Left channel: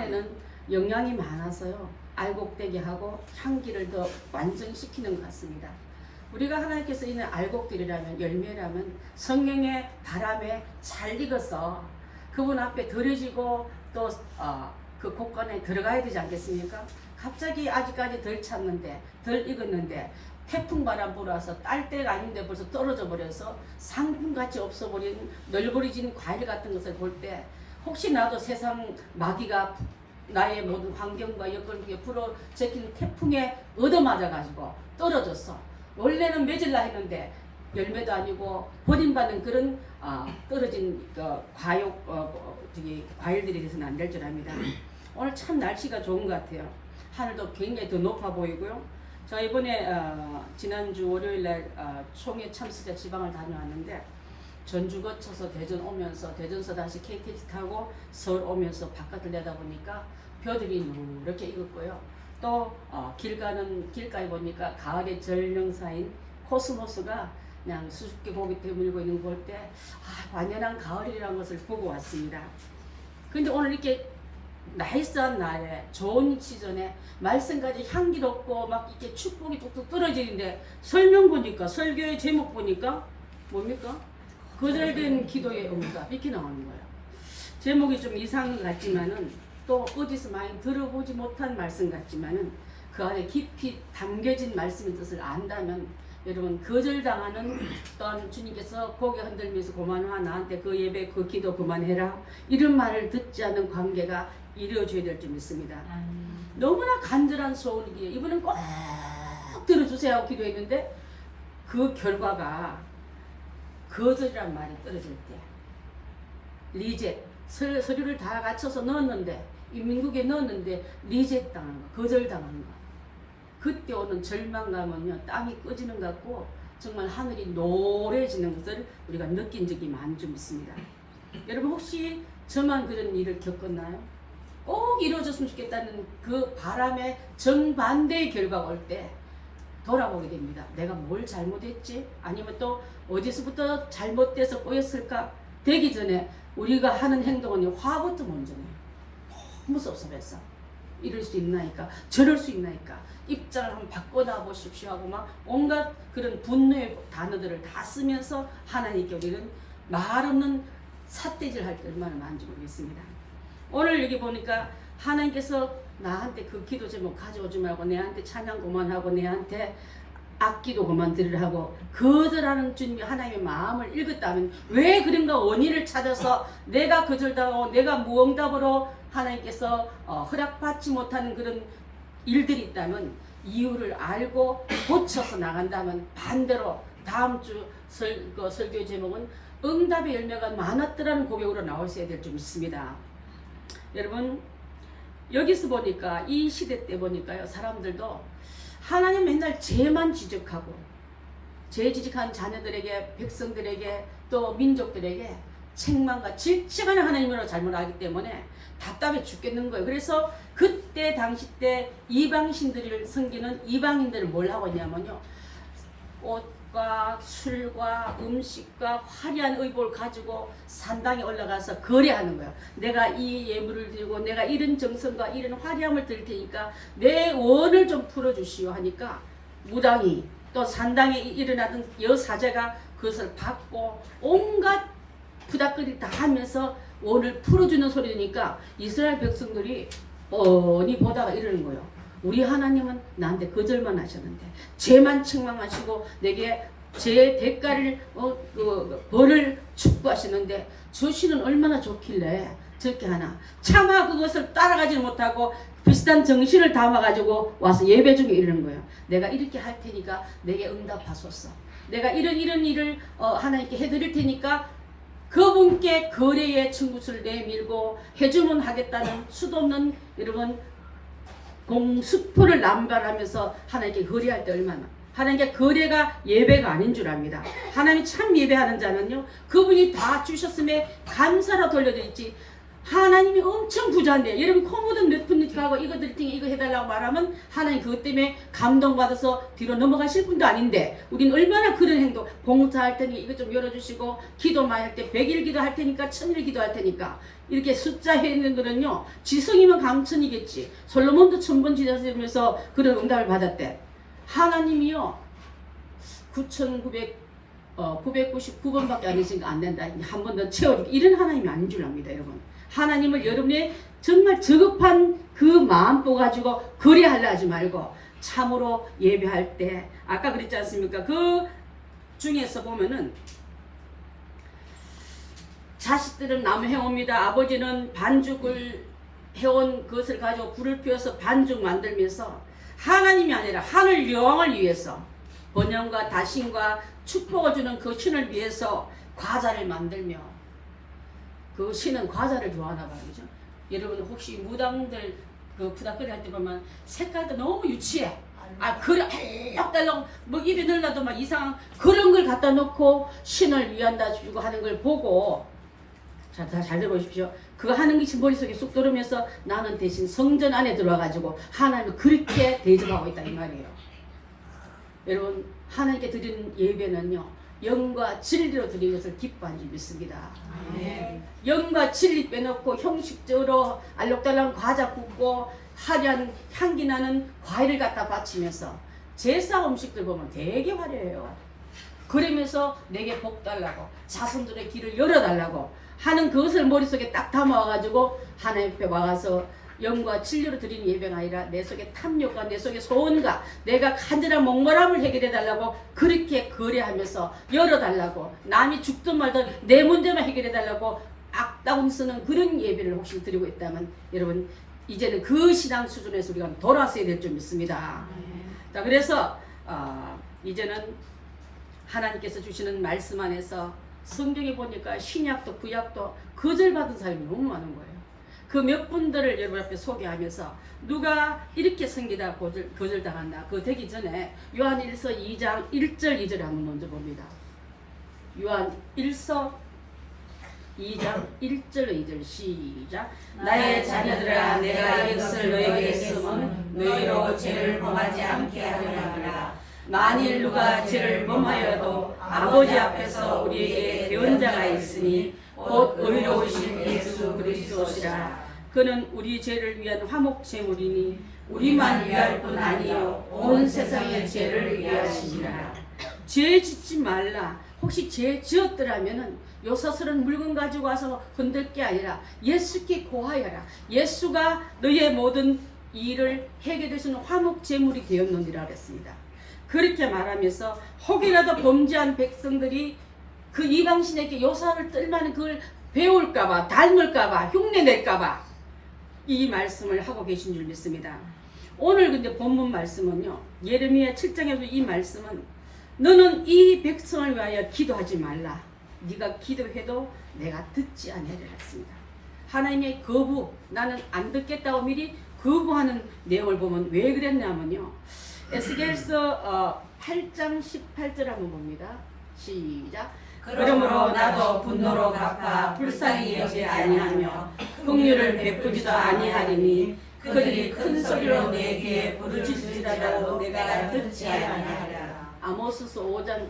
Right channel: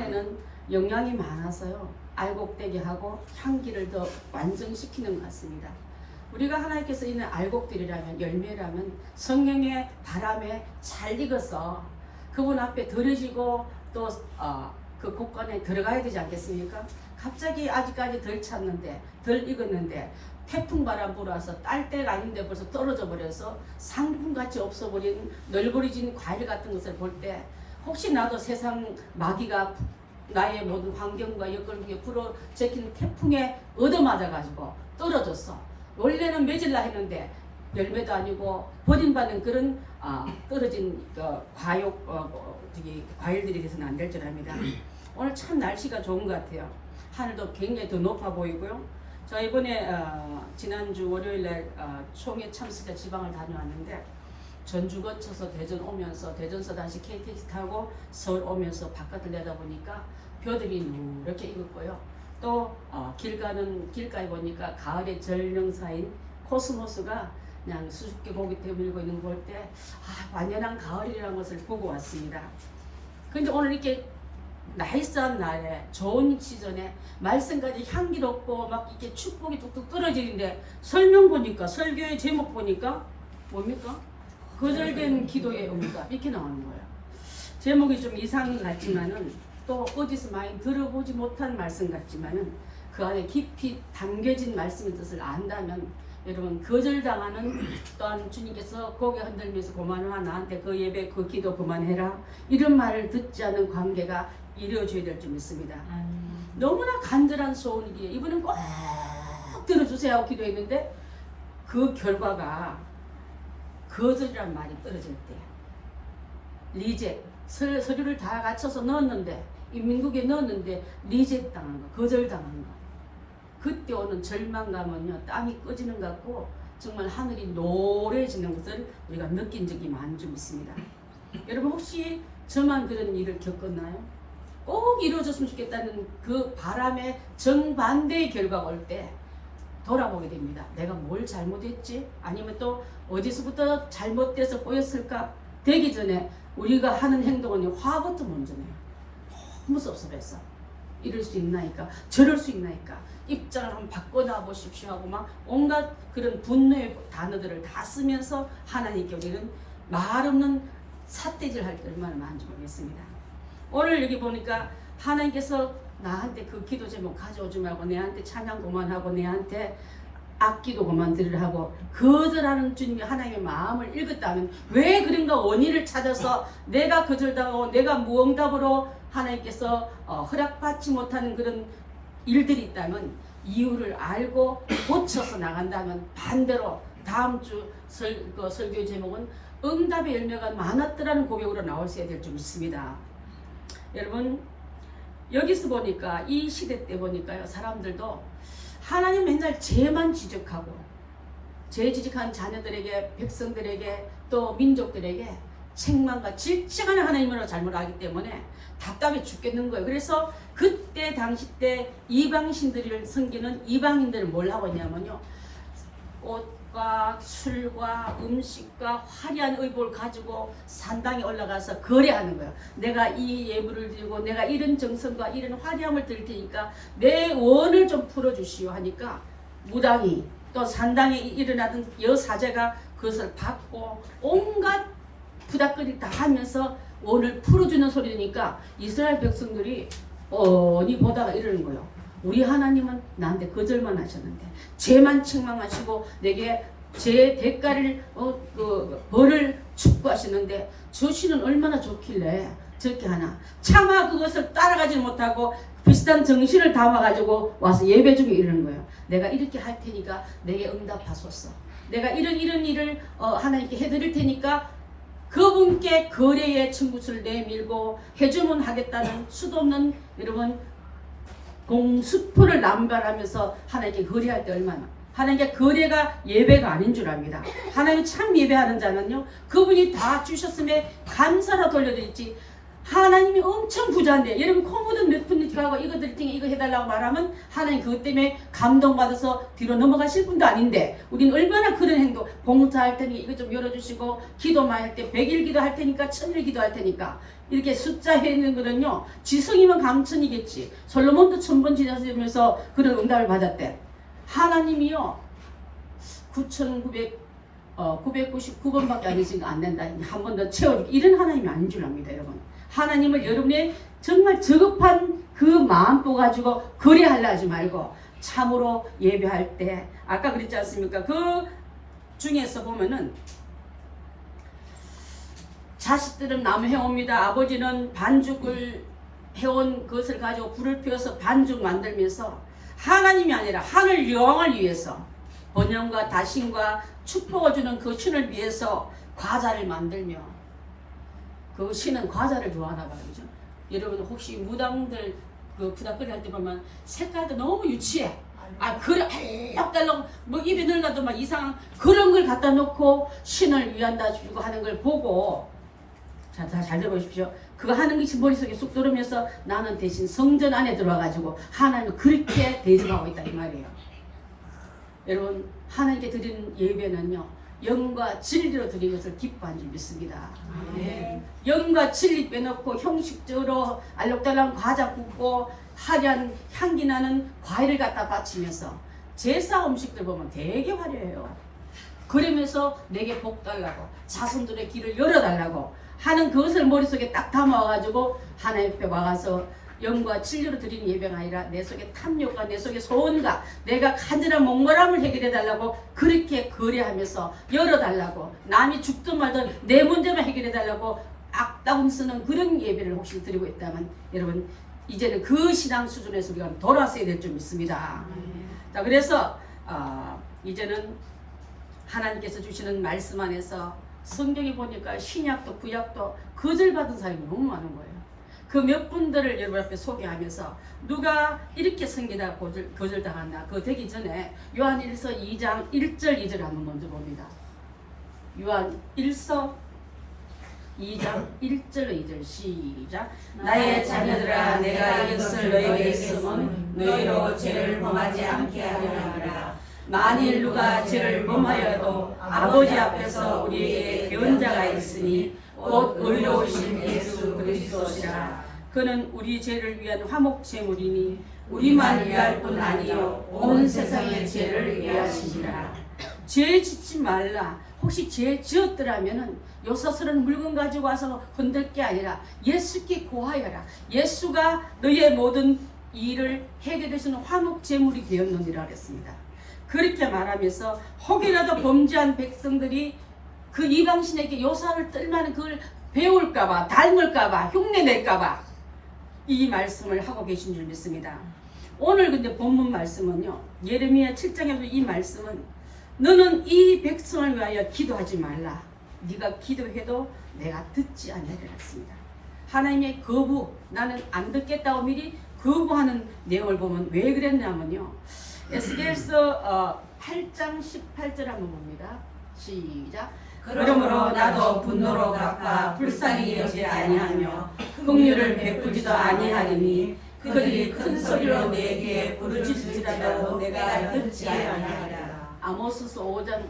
안에는 영양이 많아서요. 알곡되게 하고 향기를 더 완성시키는 것 같습니다. 우리가 하나님께서 있는 알곡들이라면 열매라면 성령의 바람에 잘 익어서 그분 앞에 들어지고 또 그 곳간에 들어가야 되지 않겠습니까? 갑자기 아직까지 덜 찼는데 덜 익었는데 태풍 바람 불어서 딸 때가 아닌데 벌써 떨어져 버려서 상품같이 없어버린 널브러진 과일 같은 것을 볼 때 혹시 나도 세상 마귀가 나의 모든 환경과 여건 중에 불어 제끼는 태풍에 얻어맞아가지고 떨어졌어. 원래는 맺으려 했는데 열매도 아니고 버림받은 그런 떨어진 과일들이 돼서는 안 될 줄 압니다. 오늘 참 날씨가 좋은 것 같아요. 하늘도 굉장히 더 높아 보이고요. 저 이번에 지난주 월요일날 총회 참석해 지방을 다녀왔는데 전주 거쳐서 대전 오면서 대전서 다시 KTX 타고 서울 오면서 바깥을 내다보니까 벼들이 누렇게 익었고요. 또 길가에 보니까 가을의 전령사인 코스모스가 그냥 수줍게 고개 들고 있는 걸 볼 때 완연한 가을이라는 것을 보고 왔습니다. 근데 오늘 이렇게 나이스한 날에 좋은 시즌에 말씀까지 향기롭고 막 이렇게 축복이 뚝뚝 떨어지는데 설명 보니까 설교의 제목 보니까 뭡니까? 거절된 기도의 응답 이렇게 나오는 거예요. 제목이 좀 이상 같지만은 또 어디서 많이 들어보지 못한 말씀 같지만은 그 안에 깊이 담겨진 말씀의 뜻을 안다면 여러분 거절당하는 또한 주님께서 고개 흔들면서 그만하 나한테 그 예배 그 기도 그만해라 이런 말을 듣지 않은 관계가 이루어져야 될 줄 믿습니다. 너무나 간절한 소원이기에 이분은 꼭 들어주세요 하고 기도했는데 그 결과가 거절이란 말이 떨어질 때 리젝 서류를 다 갖춰서 넣었는데 인민국에 넣었는데 리젝 당한 거 거절당한 거 그때 오는 절망감은요 땅이 꺼지는 것 같고 정말 하늘이 노래지는 것을 우리가 느낀 적이 많은 줄 믿습니다. 여러분 혹시 저만 그런 일을 겪었나요? 꼭 이루어졌으면 좋겠다는 그 바람의 정반대의 결과가 올 때 돌아보게 됩니다. 내가 뭘 잘못했지? 아니면 또 어디서부터 잘못돼서 꼬였을까? 되기 전에 우리가 하는 행동은 화부터 먼저네요. 너무 섭섭해서 이럴 수 있나이까 저럴 수 있나이까 입장을 한번 바꿔나 보십시오 하고 막 온갖 그런 분노의 단어들을 다 쓰면서 하나님께 우리는 말 없는 삿대질 할 때 얼마나 많은지 모르겠습니다. 오늘 여기 보니까 하나님께서 나한테 그 기도 제목 가져오지 말고 내한테 찬양 그만하고 내한테 악기도 그만 들으라고 거절하는 주님이 하나님의 마음을 읽었다면 왜 그런가 원인을 찾아서 내가 거절당하고 내가 무응답으로 하나님께서 허락받지 못하는 그런 일들이 있다면 이유를 알고 고쳐서 나간다면 반대로 다음 주 설교 제목은 응답의 열매가 많았더라는 고백으로 나오셔야 될 줄 믿습니다. 여러분 여기서 보니까 이 시대 때 보니까요 사람들도 하나님 맨날 죄만 지적하고 죄 지적한 자녀들에게 백성들에게 또 민족들에게 책망과 질책하는 하나님으로 잘못 알기 때문에 답답해 죽겠는 거예요. 그래서 그때 당시 때 이방신들을 섬기는 이방인들은 뭘 하고 있냐면요 옷과 술과 음식과 화려한 의복을 가지고 산당에 올라가서 거래하는 거예요. 내가 이 예물을 드리고 내가 이런 정성과 이런 화려함을 드릴 테니까 내 원을 좀 풀어주시오 하니까 무당이 또 산당에 일어나던 여사제가 그것을 받고 온갖 부닥거리 다 하면서 원을 풀어주는 소리니까 이스라엘 백성들이 뻔히 보다가 이러는 거예요. 우리 하나님은 나한테 거절만 하셨는데 죄만 책망하시고 내게 죄의 대가를 벌을 축구하시는데 저씨는 얼마나 좋길래 저렇게 하나 차마 그것을 따라가지 못하고 비슷한 정신을 담아가지고 와서 예배 중에 이러는 거예요. 내가 이렇게 할 테니까 내게 응답하소서. 내가 이런 일을 하나님께 해드릴 테니까 그분께 거래의 청구서를 내밀고 해주면 하겠다는 수도 없는 여러분 공수표를 남발하면서 하나님께 거래할 때 얼마나 하나님께 거래가 예배가 아닌 줄 압니다. 하나님이 참 예배하는 자는요 그분이 다 주셨음에 감사로 돌려드리지 하나님이 엄청 부자인데 여러분 코 묻은 몇 푼이니까 하고 이거 드릴 테니 이거 해달라고 말하면 하나님 그것 때문에 감동받아서 뒤로 넘어가실 분도 아닌데 우리는 얼마나 그런 행동 봉사할 테니 이거 좀 열어주시고 기도 많이 할 때 100일 기도할 테니까 1000일 기도할 테니까 이렇게 숫자 해는 거는요 지성이면 강천이겠지. 솔로몬도 1000번 지자면서 그런 응답을 받았대. 하나님이요 999번밖에 안 되니까 안 된다. 한 번 더 채워주고 이런 하나님이 아닌 줄 압니다, 여러분. 하나님을 여러분의 정말 저급한 그 마음 보고 가지고 거래하려 하지 말고 참으로 예배할 때 아까 그랬지 않습니까? 그 중에서 보면은 자식들은 나무 해옵니다. 아버지는 반죽을 해온 것을 가지고 불을 피워서 반죽 만들면서 하나님이 아니라 하늘 여왕을 위해서 번영과 다신과 축복을 주는 그 신을 위해서 과자를 만들며 그 신은 과자를 좋아하나 봐요. 그죠? 여러분 혹시 무당들 그 부닥거리 할 때 보면 색깔도 너무 유치해. 아 그래 알록달록 뭐 입에 넣으려도 막 이상한 그런 걸 갖다 놓고 신을 위한다 주고 하는 걸 보고 자, 다 잘 들어보십시오. 그거 하는 것이 머릿속에 쑥 들으면서 나는 대신 성전 안에 들어와가지고 하나님을 그렇게 대접하고 있다 이 말이에요. 여러분 하나님께 드리는 예배는요 영과 진리로 드린 것을 기뻐한 줄 믿습니다. 영과 진리 빼놓고 형식적으로 알록달록 과자 굽고 화려한 향기 나는 과일을 갖다 바치면서 제사 음식들 보면 되게 화려해요. 그러면서 내게 복 달라고 자손들의 길을 열어달라고 하는 그것을 머릿속에 딱 담아와가지고 하나님 앞에 와가서 영과 진리로 드리는 예배가 아니라 내 속에 탐욕과 내 속에 소원과 내가 간절한 목마름을 해결해달라고 그렇게 거래하면서 열어달라고 남이 죽든 말든 내 문제만 해결해달라고 악다운 쓰는 그런 예배를 혹시 드리고 있다면 여러분 이제는 그 신앙 수준에서 우리가 돌아서야 될 줄 믿습니다. 자 그래서 이제는 하나님께서 주시는 말씀 안에서 성경에 보니까 신약도 구약도 거절받은 사람이 너무 많은 거예요. 그 몇 분들을 여러분 앞에 소개하면서 누가 이렇게 섬기다 거절당한다. 그거 되기 전에 요한 1서 2장 1절 2절 한번 먼저 봅니다. 요한 1서 2장 1절 2절 시작. 나의 자녀들아 내가 이것을 너에게 쓰면 너희로 죄를 범하지 않게 하려니라. 만일 누가 죄를 범하여도 아버지 앞에서 우리에게 대언자가 있으니 곧 의로우신 예수 그리스도시라. 그는 우리 죄를 위한 화목 제물이니 우리만 위할 뿐 아니요 온 세상의 죄를 위하시니라. 죄 짓지 말라. 혹시 죄 지었더라면은 요사스런 물건 가지고 와서 흔들 게 아니라 예수께 고하여라. 예수가 너의 모든 일을 해결해주는 화목 제물이 되었느니라 그랬습니다. 그렇게 말하면서 혹이라도 범죄한 백성들이 그 이방신에게 요사를 떨만한 그걸 배울까봐 닮을까봐 흉내낼까봐 이 말씀을 하고 계신 줄 믿습니다. 오늘 근데 본문 말씀은요 예레미야 7장에도 이 말씀은 너는 이 백성을 위하여 기도하지 말라. 네가 기도해도 내가 듣지 아니하리라 했습니다. 하나님의 거부 나는 안 듣겠다고 미리 거부하는 내용을 보면 왜 그랬냐면요 에스겔서 8장 18절 한번 봅니다. 시작. 그러므로 나도 분노로 갚아 불쌍히 여기지 아니하며 긍휼을 베푸지도 아니하리니 그들이 큰 소리로 내 귀에 부르짖을지라도 내가 듣지 아니하리라. 아모스서 5장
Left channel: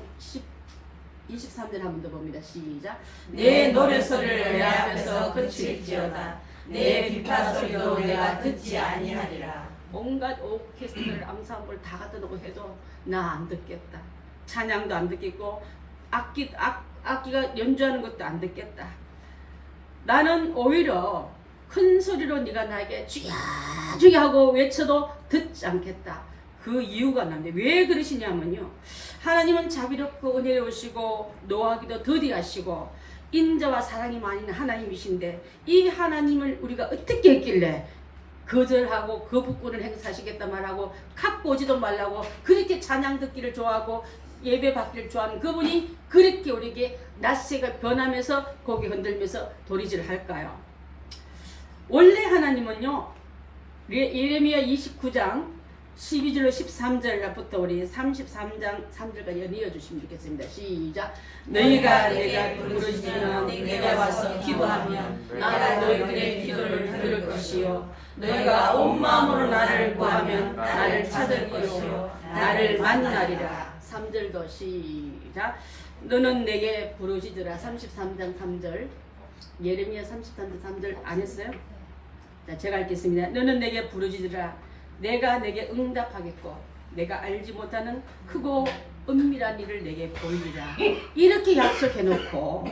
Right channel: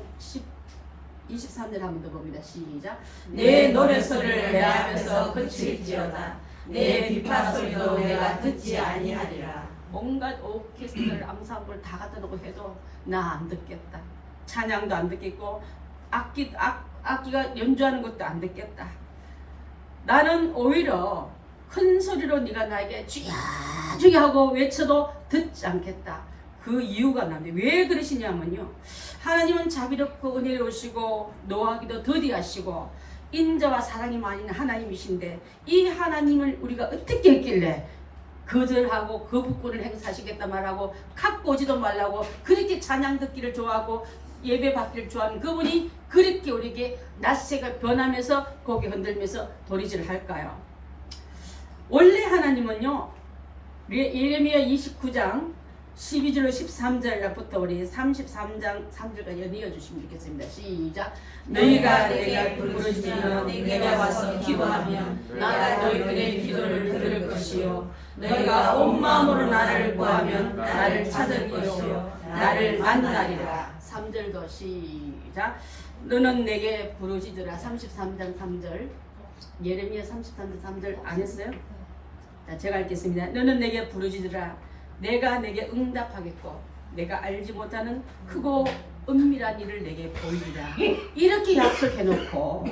23절 한번 더 봅니다. 시작. 내 노래소리를 내하면서 그칠지어다. 내 비파 소리도 내가 듣지 아니하리라. 온갖 오케스트라를 앙상블 다 갖다 놓고 해도 나 안 듣겠다. 찬양도 안 듣겠고 악기가 연주하는 것도 안 듣겠다. 나는 오히려 큰 소리로 네가 나에게 주야 주야 하고 외쳐도 듣지 않겠다. 그 이유가 나는데 왜 그러시냐면요 하나님은 자비롭고 은혜로우시고 노하기도 더디하시고 인자와 사랑이 많은 하나님이신데 이 하나님을 우리가 어떻게 했길래 거절하고 거부권을 행사하시겠다 말하고 갖고 오지도 말라고 그렇게 찬양 듣기를 좋아하고 예배 받기를 좋아하는 그분이 그렇게 우리에게 낯색을 변하면서 고개 흔들면서 도리질을 할까요? 원래 하나님은요 예레미야 29장 12절 13절부터 우리 33장 3절까지 이어주시면 좋겠습니다. 시작. 너희가 내가 부르짖으면 내게 와서 기도하면 나는 너희들의 기도를 들을 것이요 너희가 온 마음으로 나를 구하면 나를 찾을 것이요 나를 만나리라. 3절도 시작. 너는 내게 부르짖으라. 33장 3절 예레미야 33장 3절 안 했어요? 자, 제가 읽겠습니다. 너는 내게 부르짖으라. 내가 내게 응답하겠고 내가 알지 못하는 크고 은밀한 일을 내게 보이리라. 이렇게 약속해놓고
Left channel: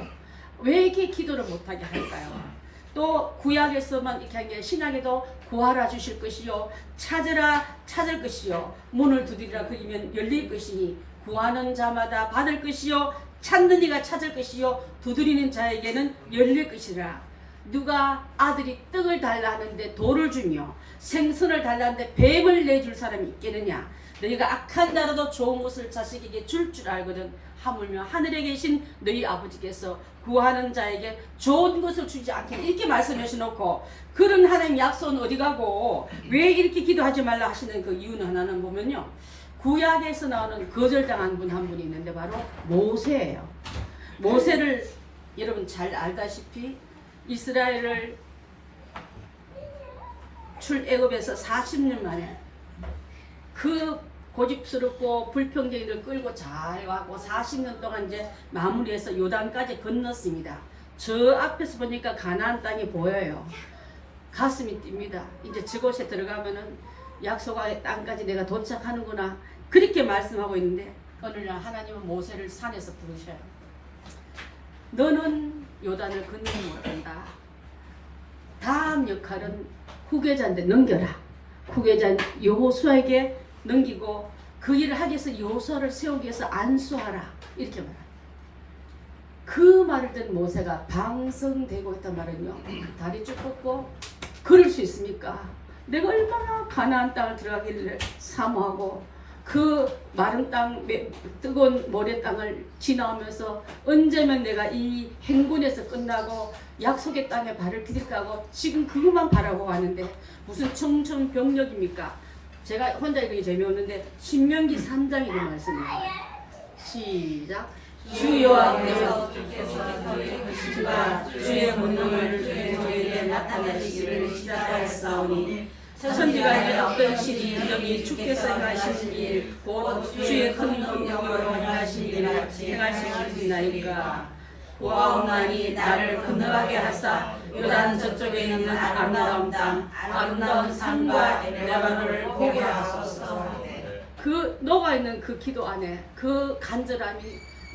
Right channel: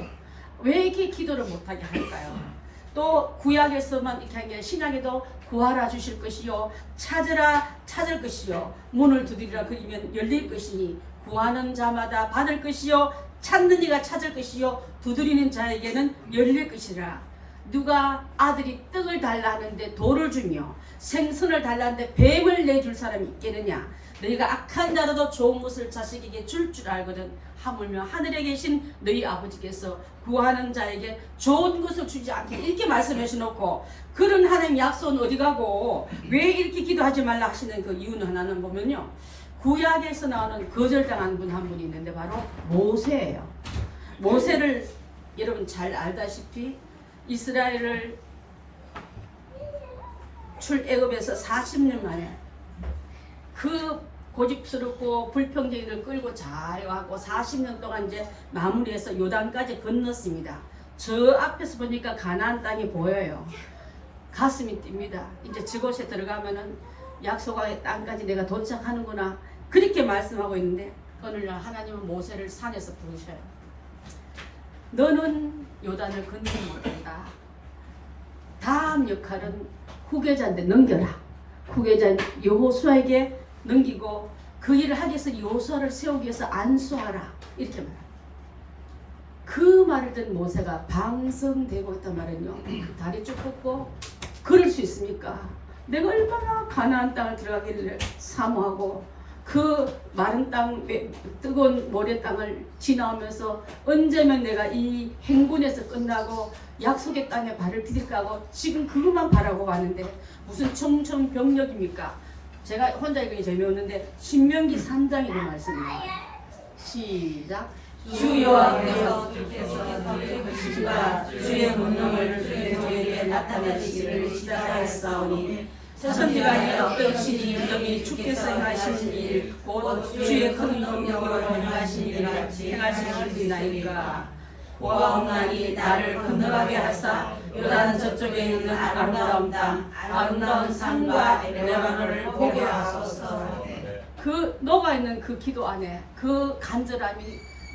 왜 이렇게 기도를 못하게 할까요? 또 구약에서만 이렇게 한 게 신약에도 구하라 주실 것이요 찾으라 찾을 것이요 문을 두드리라 그리면 열릴 것이니 구하는 자마다 받을 것이요 찾는 이가 찾을 것이요 두드리는 자에게는 열릴 것이라. 누가 아들이 떡을 달라 하는데 돌을 주며 생선을 달라 하는데 뱀을 내줄 사람이 있겠느냐. 너희가 악한 자라도 좋은 것을 자식에게 줄 알거든. 하물며 하늘에 계신 너희 아버지께서 구하는 자에게 좋은 것을 주지 않게 이렇게 말씀해 주놓고 그런 하나님 약속은 어디 가고 왜 이렇게 기도하지 말라 하시는 그 이유는 하나는 보면요. 구약에서 나오는 거절당한 분 한 분이 있는데 바로 모세예요. 모세를 여러분 잘 알다시피 이스라엘을 출애굽에서 40년 만에 그 고집스럽고 불평쟁이를 끌고 잘 와고 40년 동안 이제 마무리해서 요단까지 건넜습니다. 저 앞에서 보니까 가나안 땅이 보여요. 가슴이 뜁니다. 이제 저곳에 들어가면은 약속의 땅까지 내가 도착하는구나. 그렇게 말씀하고 있는데 어느 날 하나님은 모세를 산에서 부르셔요. 너는 요단을 건너지 못한다. 다음 역할은 후계자한테 넘겨라. 후계자 여호수아에게 넘기고 그 일을 하기 위해서 여호수아를 세우기 위해서 안수하라. 이렇게 말합니다. 그 말을 듣는 모세가 방성되고 했단 말은요. 다리 쭉 뻗고 그럴 수 있습니까? 내가 얼마나 가나안 땅을 들어가기를 사모하고 그 마른 땅, 뜨거운 모래 땅을 지나오면서 언제면 내가 이 행군에서 끝나고 약속의 땅에 발을 디딜까 하고 지금 그것만 바라고 가는데 무슨 청천벽력입니까? 제가 혼자 읽기 재미없는데 신명기 3장의 말씀입니다. 시작. 주 여호와께서 주의 권능을 주의 종에게 나타내시기를 시작하였사오니 천지간에 없던 신이 영이 주께서 행하신 일 곧 주의 큰 능력으로 행하신 일을 행할 수 있나이까. 보아 없나니 나를 건너가게 하사 요단 저쪽에 있는 아름다운 땅 아름다운 산과 레바논을 보게 하소서. 그 녹아있는 그 기도 안에 그 간절함이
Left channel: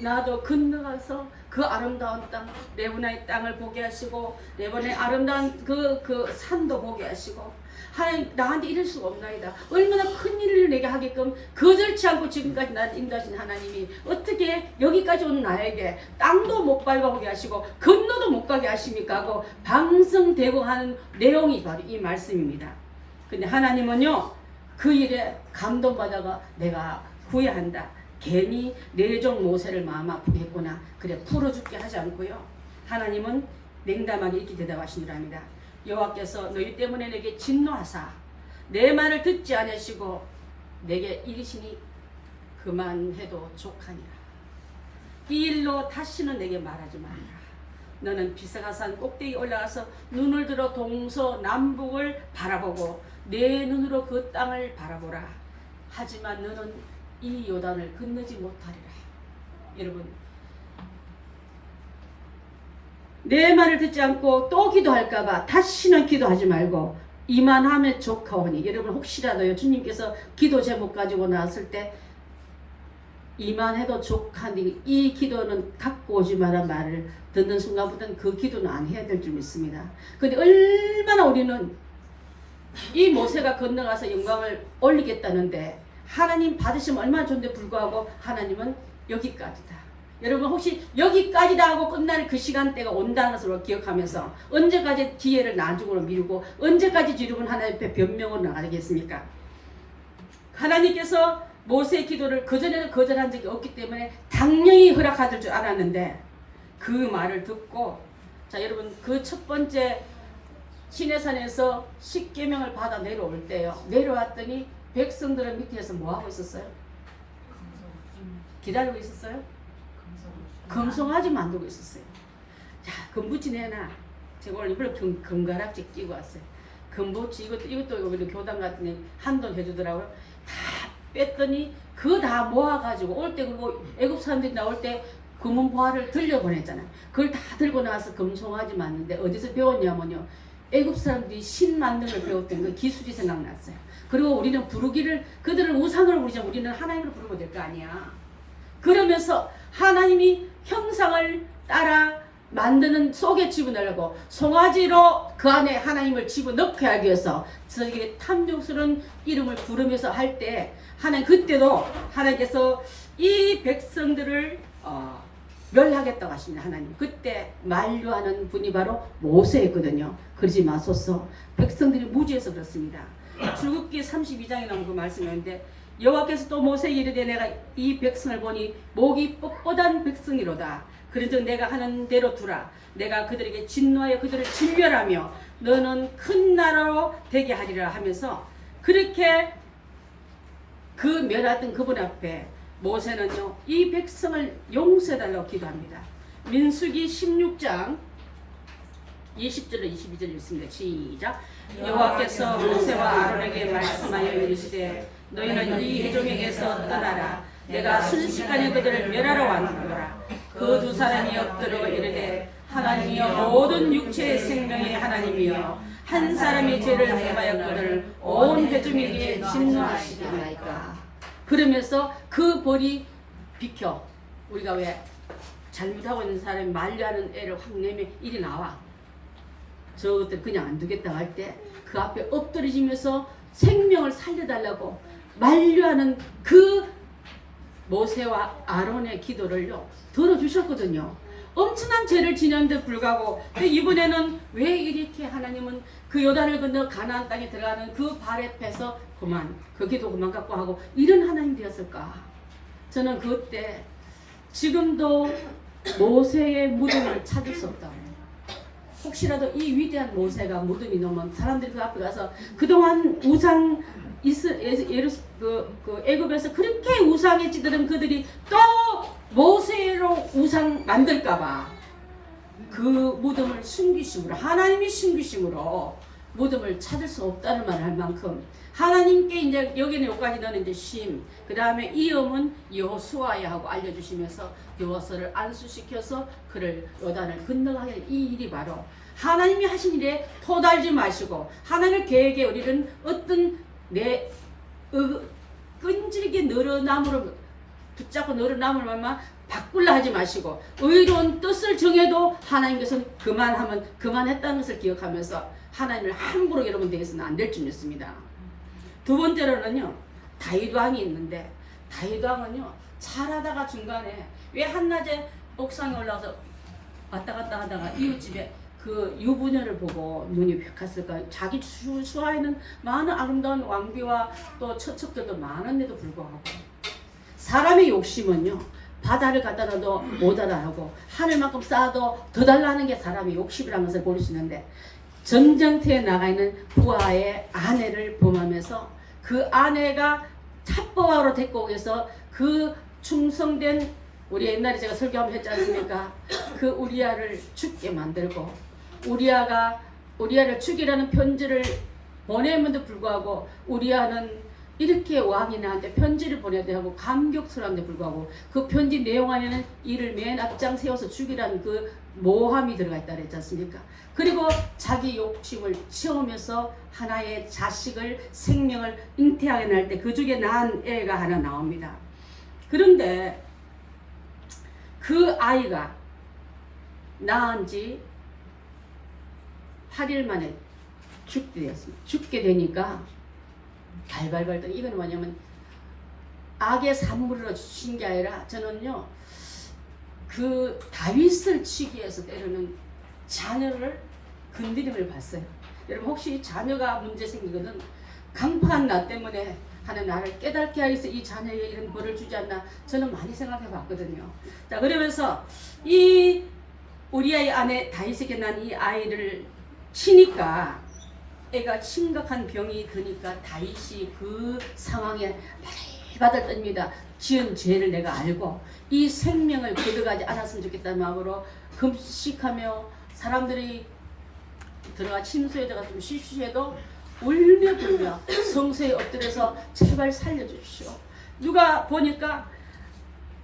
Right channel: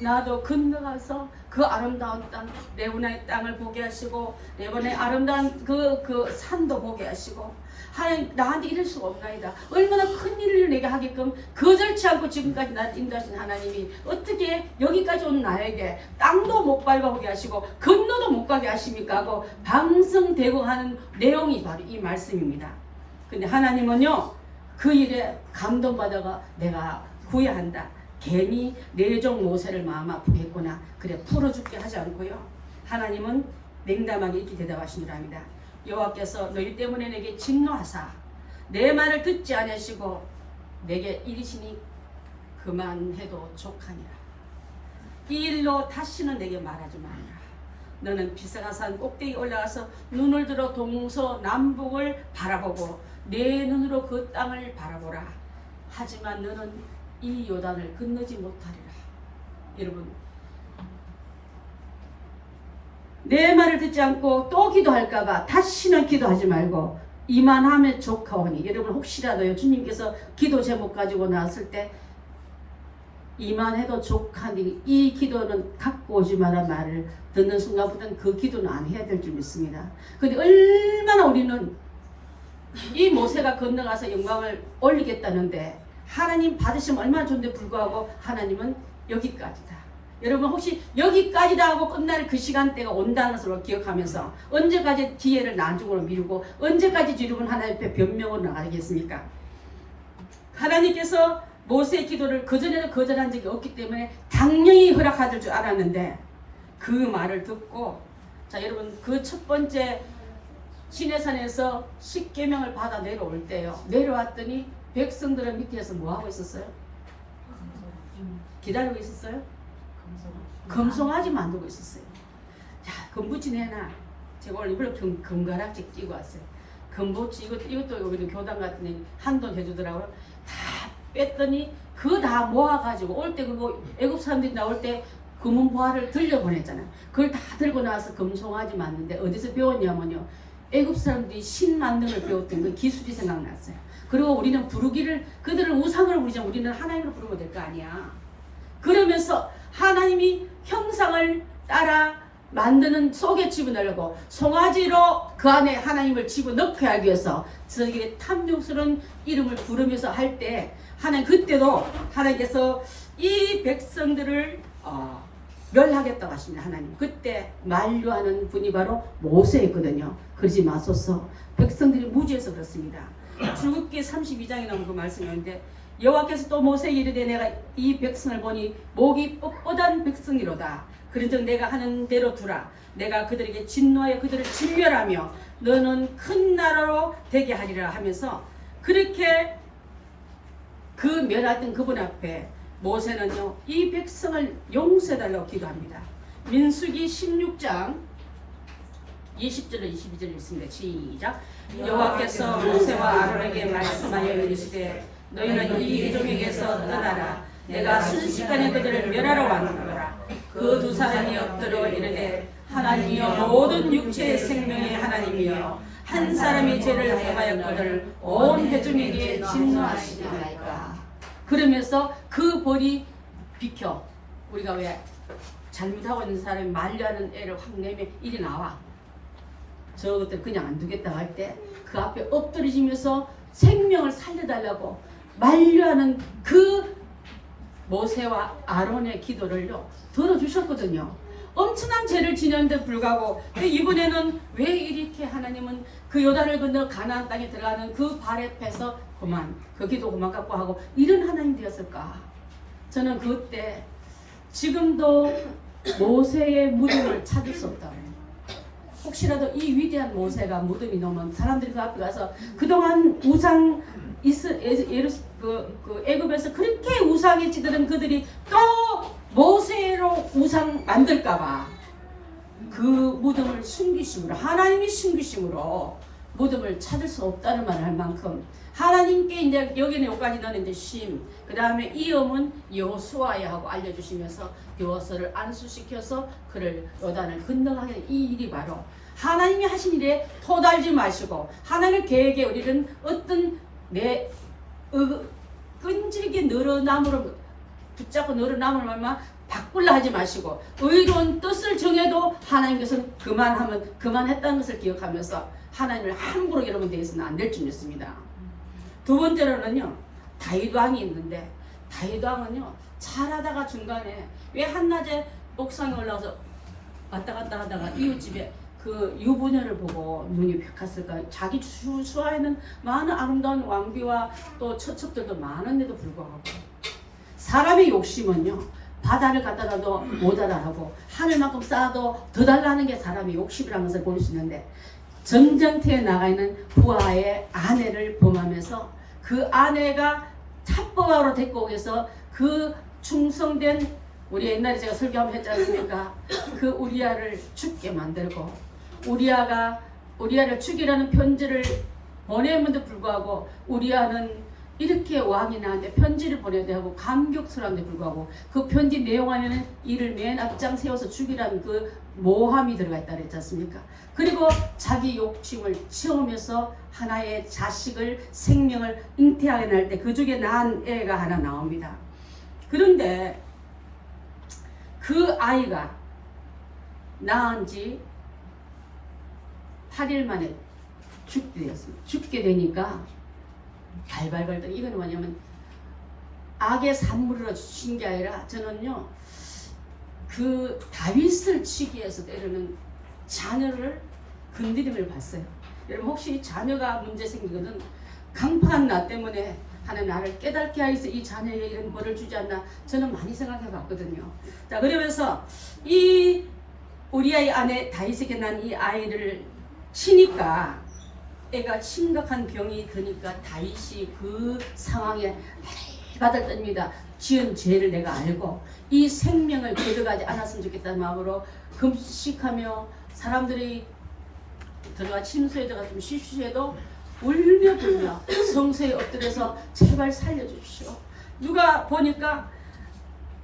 나도 건너가서 그 아름다운 땅 레바논의 땅을 보게 하시고 레바논의 아름다운 그 산도 보게 하시고 하나님 나한테 이럴 수가 없나이다. 얼마나 큰 일을 내게 하게끔 거절치 않고 지금까지 나를 인도하신 하나님이 어떻게 여기까지 온 나에게 땅도 못 밟아보게 하시고 건너도 못 가게 하십니까 하고 방성되고 하는 내용이 바로 이 말씀입니다. 근데 하나님은요 그 일에 감동받아가 내가 후회한다. 괜히 내 종 모세를 마음 아프게 했구나. 그래 풀어줄게 하지 않고요. 하나님은 냉담하게 이렇게 대답하신 줄 압니다. 여호와께서 너희 때문에 내게 진노하사 내 말을 듣지 않으시고 내게 이르시니 그만해도 족하니라. 이 일로 다시는 내게 말하지 말라. 너는 비사가산 꼭대기 올라가서 눈을 들어 동서남북을 바라보고 내 눈으로 그 땅을 바라보라. 하지만 너는 이 요단을 건너지 못하리라. 여러분 내 말을 듣지 않고 또 기도할까봐 다시는 기도하지 말고 이만하면 족하오니. 여러분 혹시라도요 주님께서 기도 제목 가지고 나왔을 때 이만해도 족하니 이 기도는 갖고 오지 마라 말을 듣는 순간부터는 그 기도는 안 해야 될 줄 믿습니다. 근데 얼마나 우리는 이 모세가 건너가서 영광을 올리겠다는데 하나님 받으시면 얼마나 좋은데 불구하고 하나님은 여기까지다. 여러분 혹시 여기까지다 하고 끝날 그 시간대가 온다는 것을 기억하면서 언제까지 기회를 나중으로 미루고 언제까지 여러분 하나님 앞에 변명으로 나가겠습니까? 하나님께서 모세의 기도를 그전에는 거절한 적이 없기 때문에 당연히 허락하실 줄 알았는데 그 말을 듣고 자 여러분 그 첫 번째 시내산에서 십계명을 받아 내려올 때요. 내려왔더니 백성들은 밑에서 뭐 하고 있었어요? 기다리고 있었어요? 금송아지 만들고 있었어요. 자, 금붙이 내놔. 제가 오늘 이불로 금가락지 끼고 왔어요. 금붙이 이것도 우리 교당 같은 데 한돈 해주더라고요. 다 뺐더니 그거 다 모아가지고 올 때 그거 애굽 사람들이 나올 때 금은 보화를 들려보냈잖아요. 그걸 다 들고 나와서 금송아지 만드는데 어디서 배웠냐면요. 애굽 사람들이 신 만드는 걸 배웠던 그 기술이 생각났어요. 그리고 우리는 부르기를 그들을 우상으로 부르지 우리는 하나님으로 부르면 될 거 아니야. 그러면서 하나님이 형상을 따라 만드는 속에 집어넣으려고 송아지로 그 안에 하나님을 집어넣게 하기 위해서 저게 탐욕스러운 이름을 부르면서 할 때 하나님 그때도 하나님께서 이 백성들을 멸하겠다고 하십니다. 하나님 그때 만류하는 분이 바로 모세였거든요. 그러지 마소서. 백성들이 무지해서 그렇습니다. 출애굽기 32장에 나온 그 말씀인데 여호와께서 또 모세에게 이르되 내가 이 백성을 보니 목이 뻣뻣한 백성이로다. 그런즉 내가 하는 대로 두라. 내가 그들에게 진노하여 그들을 진멸하며 너는 큰 나라로 되게 하리라 하면서 그렇게 그 멸하던 그분 앞에 모세는요 이 백성을 용서해달라고 기도합니다. 민수기 16장 20절로 22절 읽습니다. 시작. 여호와께서 모세와 아론에게 말씀하여 이르시되 너희는 이 회족에게서 떠나라. 내가 순식간에 그들을 멸하러 왔노라. 그 두 사람이 엎드려 이르되 하나님이여 모든 육체의 생명의 하나님이여 한 사람이 죄를 범하였거늘 온 회중에게 진노하시리나이까. 그러면서 그 벌이 비켜. 우리가 왜 잘못하고 있는 사람이 만류하는 애를 확 내면 일이 나와. 저것들 그냥 안 두겠다 할 때 그 앞에 엎드리시면서 생명을 살려달라고 만류하는 그 모세와 아론의 기도를요 들어주셨거든요. 엄청난 죄를 지녔는데 불구하고 이번에는 왜 이렇게 하나님은 그 요단을 건너 가나안 땅에 들어가는 그 발에 패서 그만 그 기도 그만 갖고 하고 이런 하나님 되었을까? 저는 그때 지금도 모세의 무덤을 찾을 수 없다. 혹시라도 이 위대한 모세가 무덤이 놓으면 사람들이 그 앞에 가서 그동안 우상 애굽에서 그렇게 우상에 찌들은 그들이 또 모세로 우상 만들까봐 그 무덤을 숨기심으로 하나님이 숨기심으로 무덤을 찾을 수 없다는 말을 할 만큼 하나님께 이제 여기는 여기까지 나는 이제 쉼, 그 다음에 이음은 여호수아야 하고 알려주시면서 여호수아를 안수시켜서 그를 요단을 건너가게 이 일이 바로 하나님이 하신 일에 토달지 마시고 하나님의 계획에 우리는 어떤 내 끈질게 늘어남으로 붙잡고 늘어남을 말만 바꾸려 하지 마시고 의로운 뜻을 정해도 하나님께서는 그만하면 그만했다는 것을 기억하면서 하나님을 함부로 여러분 대해서는 안 될 줄 믿습니다. 두 번째로는요 다윗 왕이 있는데 다윗 왕은요 잘하다가 중간에 왜 한낮에 옥상에 올라가서 왔다 갔다 하다가 이웃집에 그 유부녀를 보고 눈이 휙 갔을까. 자기 수하에는 많은 아름다운 왕비와 또 처첩들도 많은데도 불구하고 사람의 욕심은요 바다를 갖다 놔도 못 알아하고 하늘만큼 쌓아도 더 달라는 게 사람의 욕심이라는 것을 볼 수 있는데 전쟁터에 나가 있는 부하의 아내를 범하면서 그 아내가 탑부하로 데리고 오해서 그 충성된 우리 옛날에 제가 설교 한번 했지 않습니까? 그 우리아를 죽게 만들고 우리아를 죽이라는 편지를 보내면도 불구하고 우리아는 이렇게 왕이 나한테 편지를 보내야 하고 감격스러운데 불구하고 그 편지 내용 안에는 이를 맨 앞장 세워서 죽이라는 그 모함이 들어가 있다 그랬지 않습니까? 그리고 자기 욕심을 채우면서 하나의 자식을 생명을 잉태하게 날 때 그 중에 낳은 애가 하나 나옵니다. 그런데 그 아이가 낳은 지 8일 만에 죽게 되니까 발발 걸더니 이거는 뭐냐면 악의 산물로 주신 게 아니라 저는요 그 다윗을 치기 위해서 때로는 자녀를 건드림을 봤어요. 여러분 혹시 자녀가 문제 생기거든 강팍한 나 때문에 하나님 나를 깨닫게 하여서 이 자녀에게 이런 벌을 주지 않나 저는 많이 생각해 봤거든요. 자 그러면서 이 우리아의 아내 다윗에게 난 이 아이를 치니까 애가 심각한 병이 드니까 다윗이 그 상황에 바들바들 떱니다. 지은 죄를 내가 알고 이 생명을 거둬가지 않았으면 좋겠다는 마음으로 금식하며 사람들이 들어가 침소에 들어가 좀 쉬쉬해도 울며 불며 성소에 엎드려서 제발 살려주십시오. 누가 보니까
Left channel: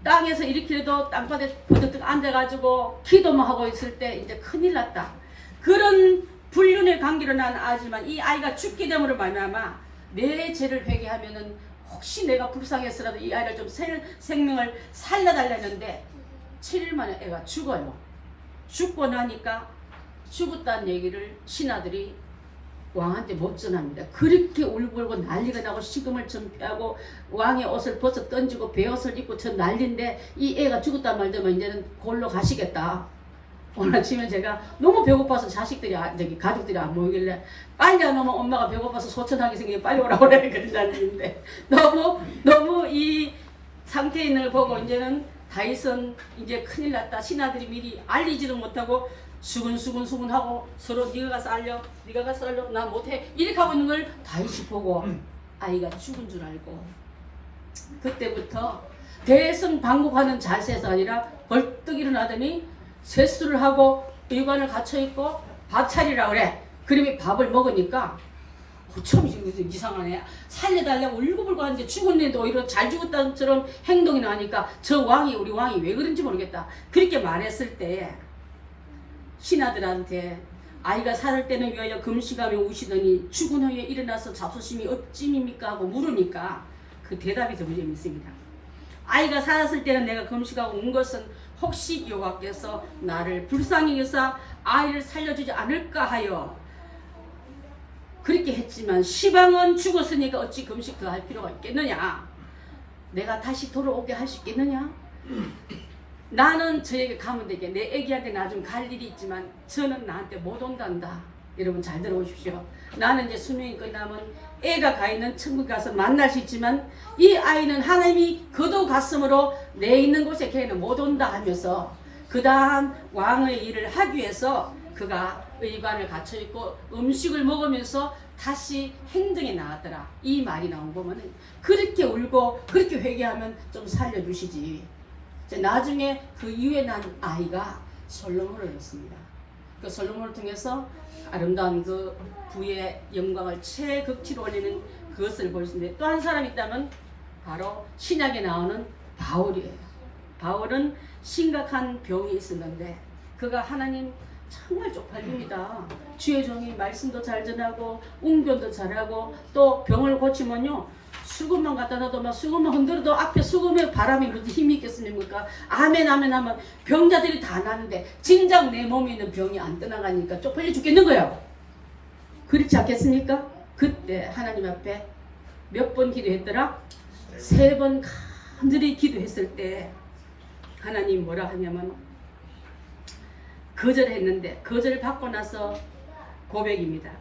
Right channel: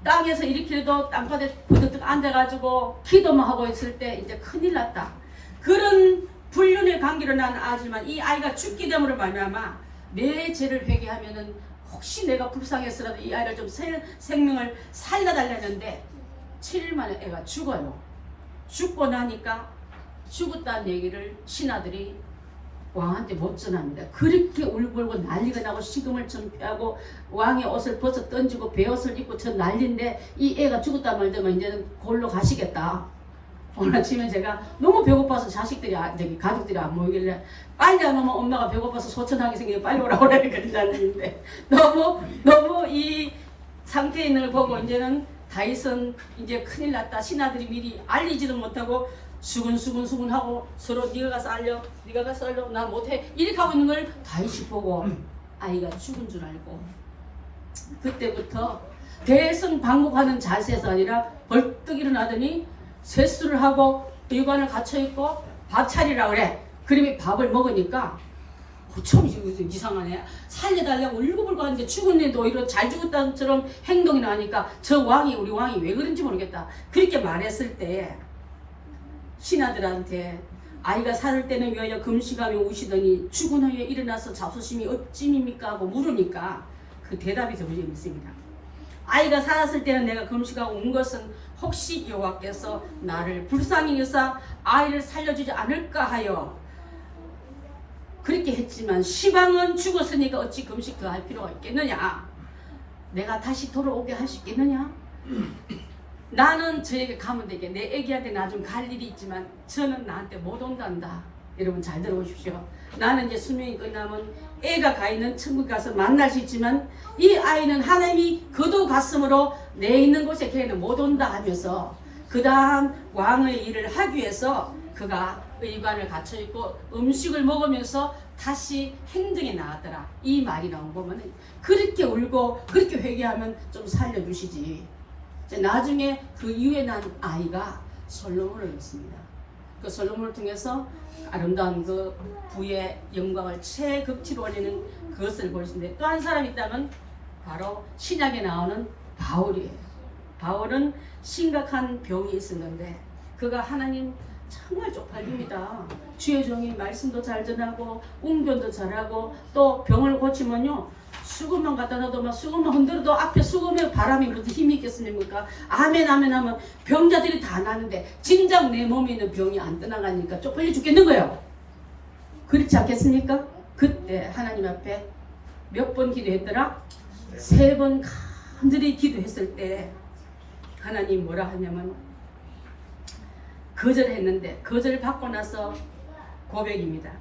땅에서 이렇게라도 땅바닥에 부득득 앉아가지고 기도만 하고 있을 때 이제 큰일 났다. 그런 불륜의 관계로 난 아지만 이 아이가 죽게 됨으로 말미암아 내 죄를 회개하면은 혹시 내가 불쌍해서라도 이 아이를 좀 생명을 살려달라는데 7일 만에 애가 죽어요. 죽고 나니까 죽었다는 얘기를 신하들이 왕한테 못 전합니다. 그렇게 울고 난리가 나고 식음을 전폐하고 왕의 옷을 벗어 던지고 베옷을 입고 저 난리인데 이 애가 죽었다 말더만 이제는 골로 가시겠다. 오늘 아침에 제가 너무 배고파서 자식들이 가족들이 안 모이길래 빨리 안 오면 엄마가 배고파서 소천하게 생기면 빨리 오라고 그러는데 너무 이 상태에 있는 걸 보고 이제는 다윗은 이제 큰일 났다. 신하들이 미리 알리지도 못하고 수근수근 하고 서로 네가 가서 알려 네가 가서 알려 나 못해 이렇게 하고 있는 걸 다윗이 보고 아이가 죽은 줄 알고 그때부터 계속 방목하는 자세에서 아니라 벌떡 일어나더니 세수를 하고 의관을 갖춰있고 밥 차리라 그래. 그러면 밥을 먹으니까 참 이상하네. 살려달라고 울고불고 하는데 죽은 애도 오히려 잘 죽었다처럼 행동이 나니까 우리 왕이 왜 그런지 모르겠다. 그렇게 말했을 때 신하들한테 아이가 살을 때는 위하여 금식하며 우시더니 죽은 후에 일어나서 자부심이 어찌입니까 하고 물으니까 그 대답이 더 재밌습니다. 아이가 살았을 때는 내가 금식하고 온 것은 혹시 여호와께서 나를 불쌍히 여사 아이를 살려주지 않을까 하여 그렇게 했지만 시방은 죽었으니까 어찌 금식 더 할 필요가 있겠느냐. 내가 다시 돌아오게 할 수 있겠느냐. 나는 저에게 가면 되게 내 애기한테 나중 갈 일이 있지만 저는 나한테 못 온단다. 여러분 잘 들어보십시오. 나는 이제 수명이 끝나면 애가 가 있는 천국 가서 만날 수 있지만 이 아이는 하나님이 거둬갔으므로 내 있는 곳에 걔는 못 온다 하면서 그 다음 왕의 일을 하기 위해서 그가 의관을 갖춰 있고 음식을 먹으면서 다시 행동에 나왔더라. 이 말이 나온 거면 그렇게 울고 그렇게 회개하면 좀 살려주시지. 나중에 그 이후에 난 아이가 솔로몬을 했습니다. 그 솔로몬을 통해서 아름다운 그 부의 영광을 최극치로 올리는 그것을 보시는데 또 한 사람이 있다면 바로 신약에 나오는 바울이에요. 바울은 심각한 병이 있었는데 그가 하나님 정말 쪽팔립니다. 주의 종이 말씀도 잘 전하고 웅변도 잘하고 또 병을 고치면요 수금만 갖다 놔도 막 수금만 흔들어도 앞에 수금에 바람이 무슨 힘이 있겠습니까? 아멘 아멘 하면 병자들이 다 나는데 진작 내 몸에 있는 병이 안 떠나가니까 쪽팔려 죽겠는 거예요. 그렇지 않겠습니까? 그때 하나님 앞에 몇 번 기도했더라? 3번 간절히 기도했을 때 하나님 뭐라 하냐면 거절했는데 거절을 받고 나서 고백입니다.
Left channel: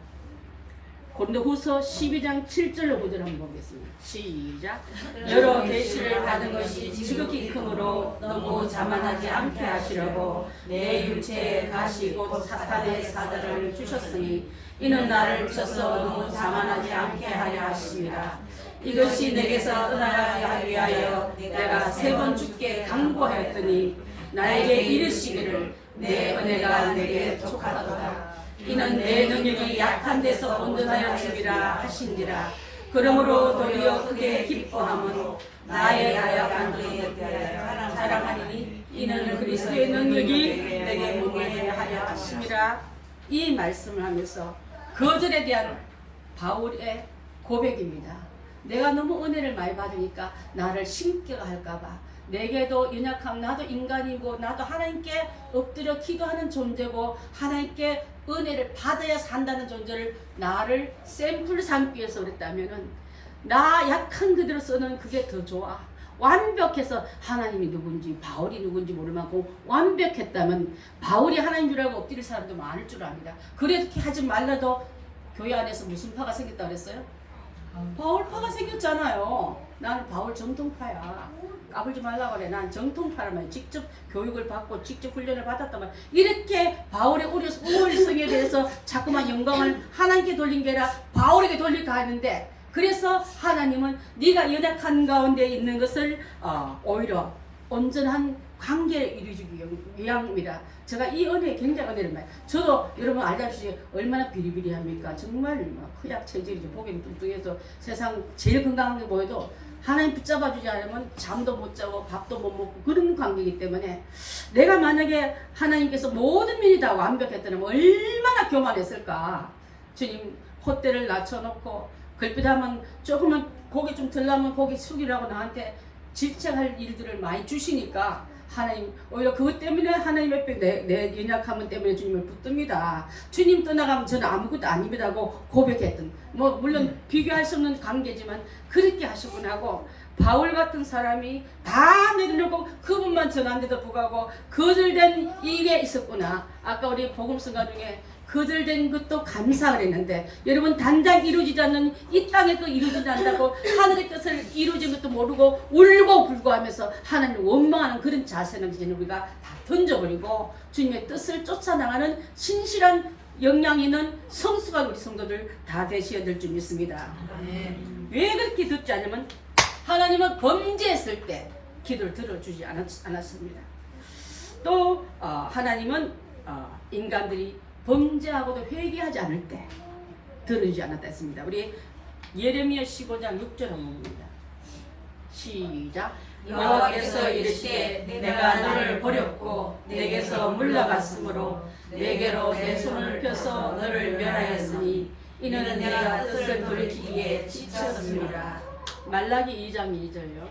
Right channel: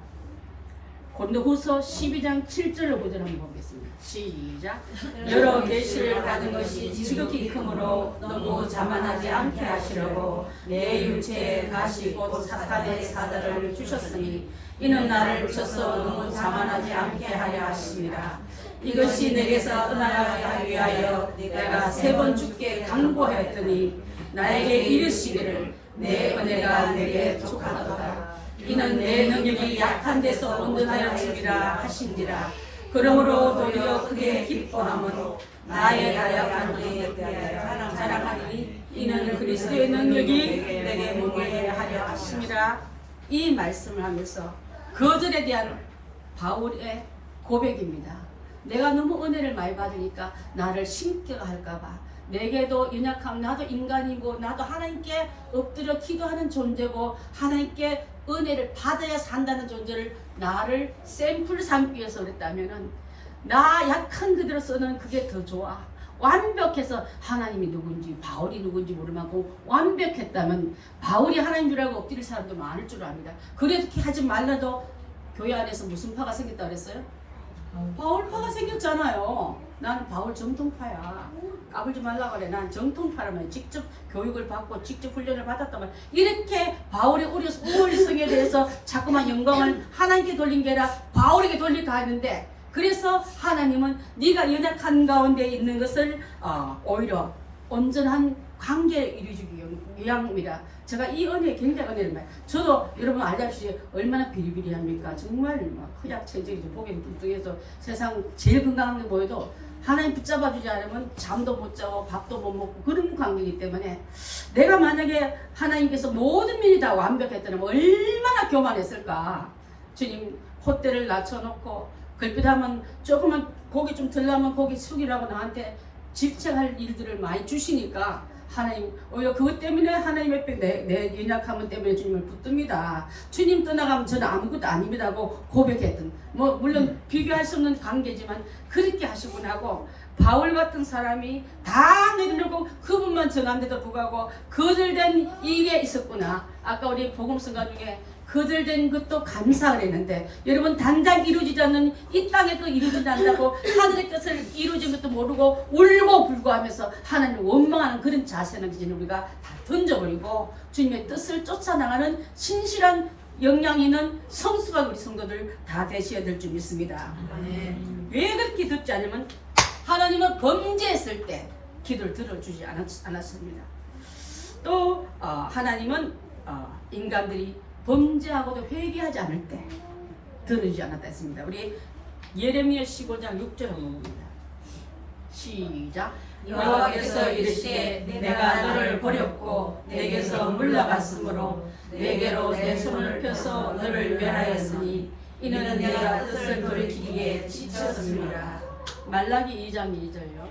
고린도후서 12장 7절로 구절 한번 보겠습니다. 시작. 여러 계시를 받은 것이 지극히 크므로 너무 자만하지 않게 하시려고 내 육체에 가시 곧 사탄의 사자를 주셨으니 이는 나를 쳐서 너무 자만하지 않게 하려 하십니다. 이것이 내게서 떠나가게 하기 위하여 내가 3번 주께 간구하였더니 나에게 이르시기를 내 은혜가 내게 족하도다. 이는 내 능력이 약한 데서 온전하여 주기라 하신지라. 그러므로 도리어 크게 기뻐함으로 나의 나약한 능력을 자랑하리니 이는 그리스도의 능력이 내게 몸을 하려 하심이라. 이 말씀을 하면서 거절에 대한 바울의 고백입니다. 내가 너무 은혜를 많이 받으니까 나를 신격할까봐 내게도 연약함, 나도 인간이고 나도 하나님께 엎드려 기도하는 존재고 하나님께 은혜를 받아야 산다는 존재를 나를 샘플 삼기 위해서 그랬다면은 나 약한 그대로 쓰는 그게 더 좋아. 완벽해서 하나님이 누군지 바울이 누군지 모를 만큼 완벽했다면 바울이 하나님 줄 알고 엎드릴 사람도 많을 줄 압니다. 그렇게 하지 말라도 교회 안에서 무슨 파가 생겼다 그랬어요? 바울파가 생겼잖아요. 나는 바울 정통파야. 까불지 말라고 그래. 난 정통파라면 직접 교육을 받고 직접 훈련을 받았다면 이렇게 바울의 우월성에 대해서 자꾸만 영광을 하나님께 돌린 게 아니라 바울에게 돌릴까 하는데, 그래서 하나님은 네가 연약한 가운데 있는 것을 오히려 온전한 관계를 이루기 위함이라. 제가 이 은혜에 굉장히 은혜를 많이. 저도 여러분 알다시피 얼마나 비리비리합니까? 정말 막 흑약체질이 보기는 뚱뚱해서 세상 제일 건강한 게 보여도 하나님 붙잡아 주지 않으면 잠도 못 자고 밥도 못 먹고 그런 관계이기 때문에, 내가 만약에 하나님께서 모든 일이 다 완벽했다면 얼마나 교만했을까. 주님 콧대를 낮춰놓고 걸핏하면 조금만 고기 좀 들라면 고기 숙이라고 나한테 질책할 일들을 많이 주시니까, 하나님 오히려 그것 때문에 하나님 앞에 내 연약함 때문에 주님을 붙듭니다. 주님 떠나가면 저는 아무것도 아닙니다고 고백했던, 뭐 물론 비교할 수 없는 관계지만 그렇게 하시곤 하고, 바울 같은 사람이 다 내려놓고 그분만 전한데도 불구하고 거절된 이게 있었구나. 아까 우리 복음서가 중에 거절된 것도 감사를 했는데, 여러분 당장 이루어지지 않는 이 땅에 또 이루어지지 않는다고 하늘의 뜻을 이루어진 것도 모르고 울고 불고하면서 하나님을 원망하는 그런 자세는 이제 우리가 다 던져버리고 주님의 뜻을 쫓아나가는 신실한 역량 있는 성수가 우리 성도들 다 되셔야 될 줄 믿습니다. 왜 그렇게 듣지 않으면 하나님은 범죄했을 때 기도를 들어주지 않았습니다. 또 하나님은 인간들이 범죄하고도 회개하지 않을 때 들어주지 않았다 했습니다. 우리 예레미야 15장 6절 한번 봅니다. 시작. 여호와께서 이르시되 내가 너를 버렸고 내게서 물러갔으므로 내게로 내 손을 펴서 너를 멸하였으니 이는 내가 뜻을 돌이키기에 지쳤습니다. 말라기 2장 2절요.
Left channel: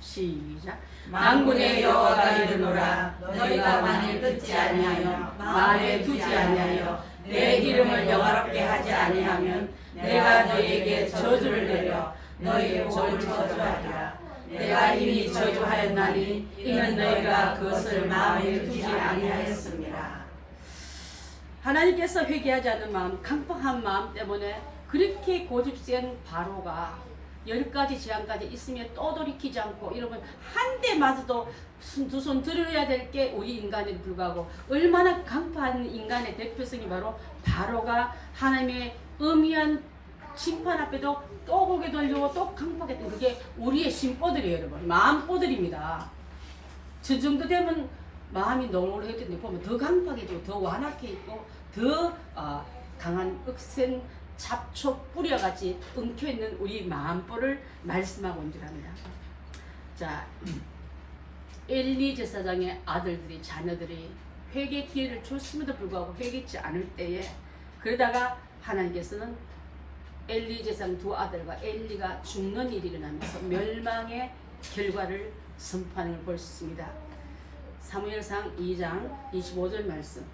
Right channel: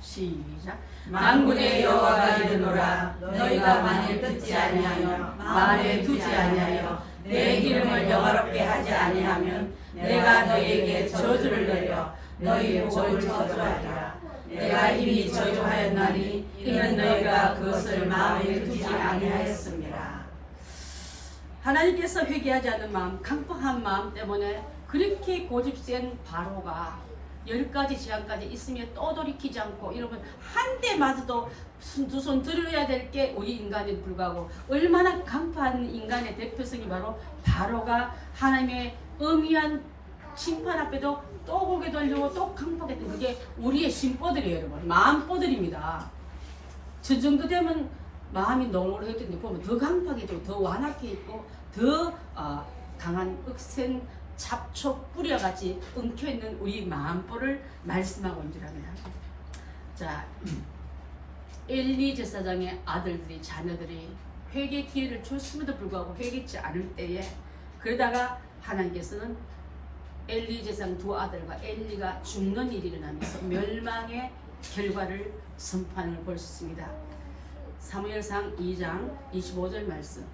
시작. 만군의 여호와가 이르노라 너희가 만일 듣지 아니하며 마음에 두지 아니하여 내 이름을 영화롭게 하지 아니하면 내가 너희에게 저주를 내려 너희 목을 저주하리라. 내가 이미 저주하였나니 이는 너희가 그것을 마음에 두지 아니하였습니다. 하나님께서 회개하지 않는 마음, 강팍한 마음 때문에 그렇게 고집센 바로가 10가지 재앙까지 있으며 또 돌이키지 않고, 여러분 한 대 맞아도 두 손 들어야 될 게 우리 인간에 불구하고 얼마나 강파한 인간의 대표성이 바로 바로가 하나님의 엄미한 심판 앞에도 또 고개 돌리고 또 강팍했던 그게 우리의 심보들이에요. 여러분 마음보들입니다. 저 정도 되면 마음이 노릇했던데 보면 더 강팍해지고 더 완악해 있고 더 강한 억센 잡초 뿌려같이 엉켜있는 우리 마음보를 말씀하고 온 줄 압니다. 자, 엘리 제사장의 아들들이 자녀들이 회개 기회를 줬음에도 불구하고 회개치 않을 때에, 그러다가 하나님께서는 엘리 제사장 두 아들과 엘리가 죽는 일이 일어나면서 멸망의 결과를 선포하는 걸 볼 수 있습니다. 사무엘상 2장 25절 말씀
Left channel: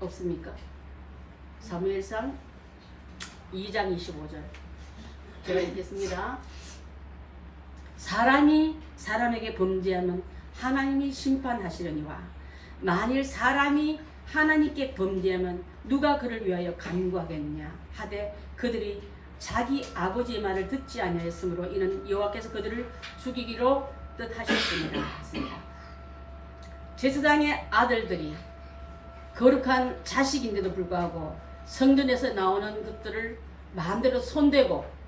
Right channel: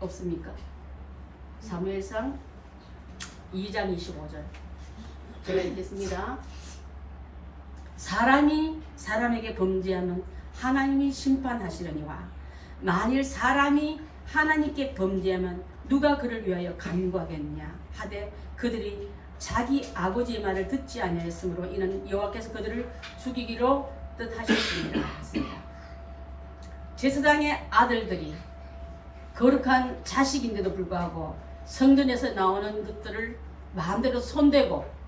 없습니까? 사무엘상 2장 25절 제가 읽겠습니다. 사람이 사람에게 범죄하면 하나님이 심판하시려니와 만일 사람이 하나님께 범죄하면 누가 그를 위하여 간구하겠냐 하되 그들이 자기 아버지의 말을 듣지 아니하였으므로 이는 여호와께서 그들을 죽이기로 뜻하셨습니다. 제사장의 아들들이 거룩한 자식인데도 불구하고 성전에서 나오는 것들을 마음대로 손대고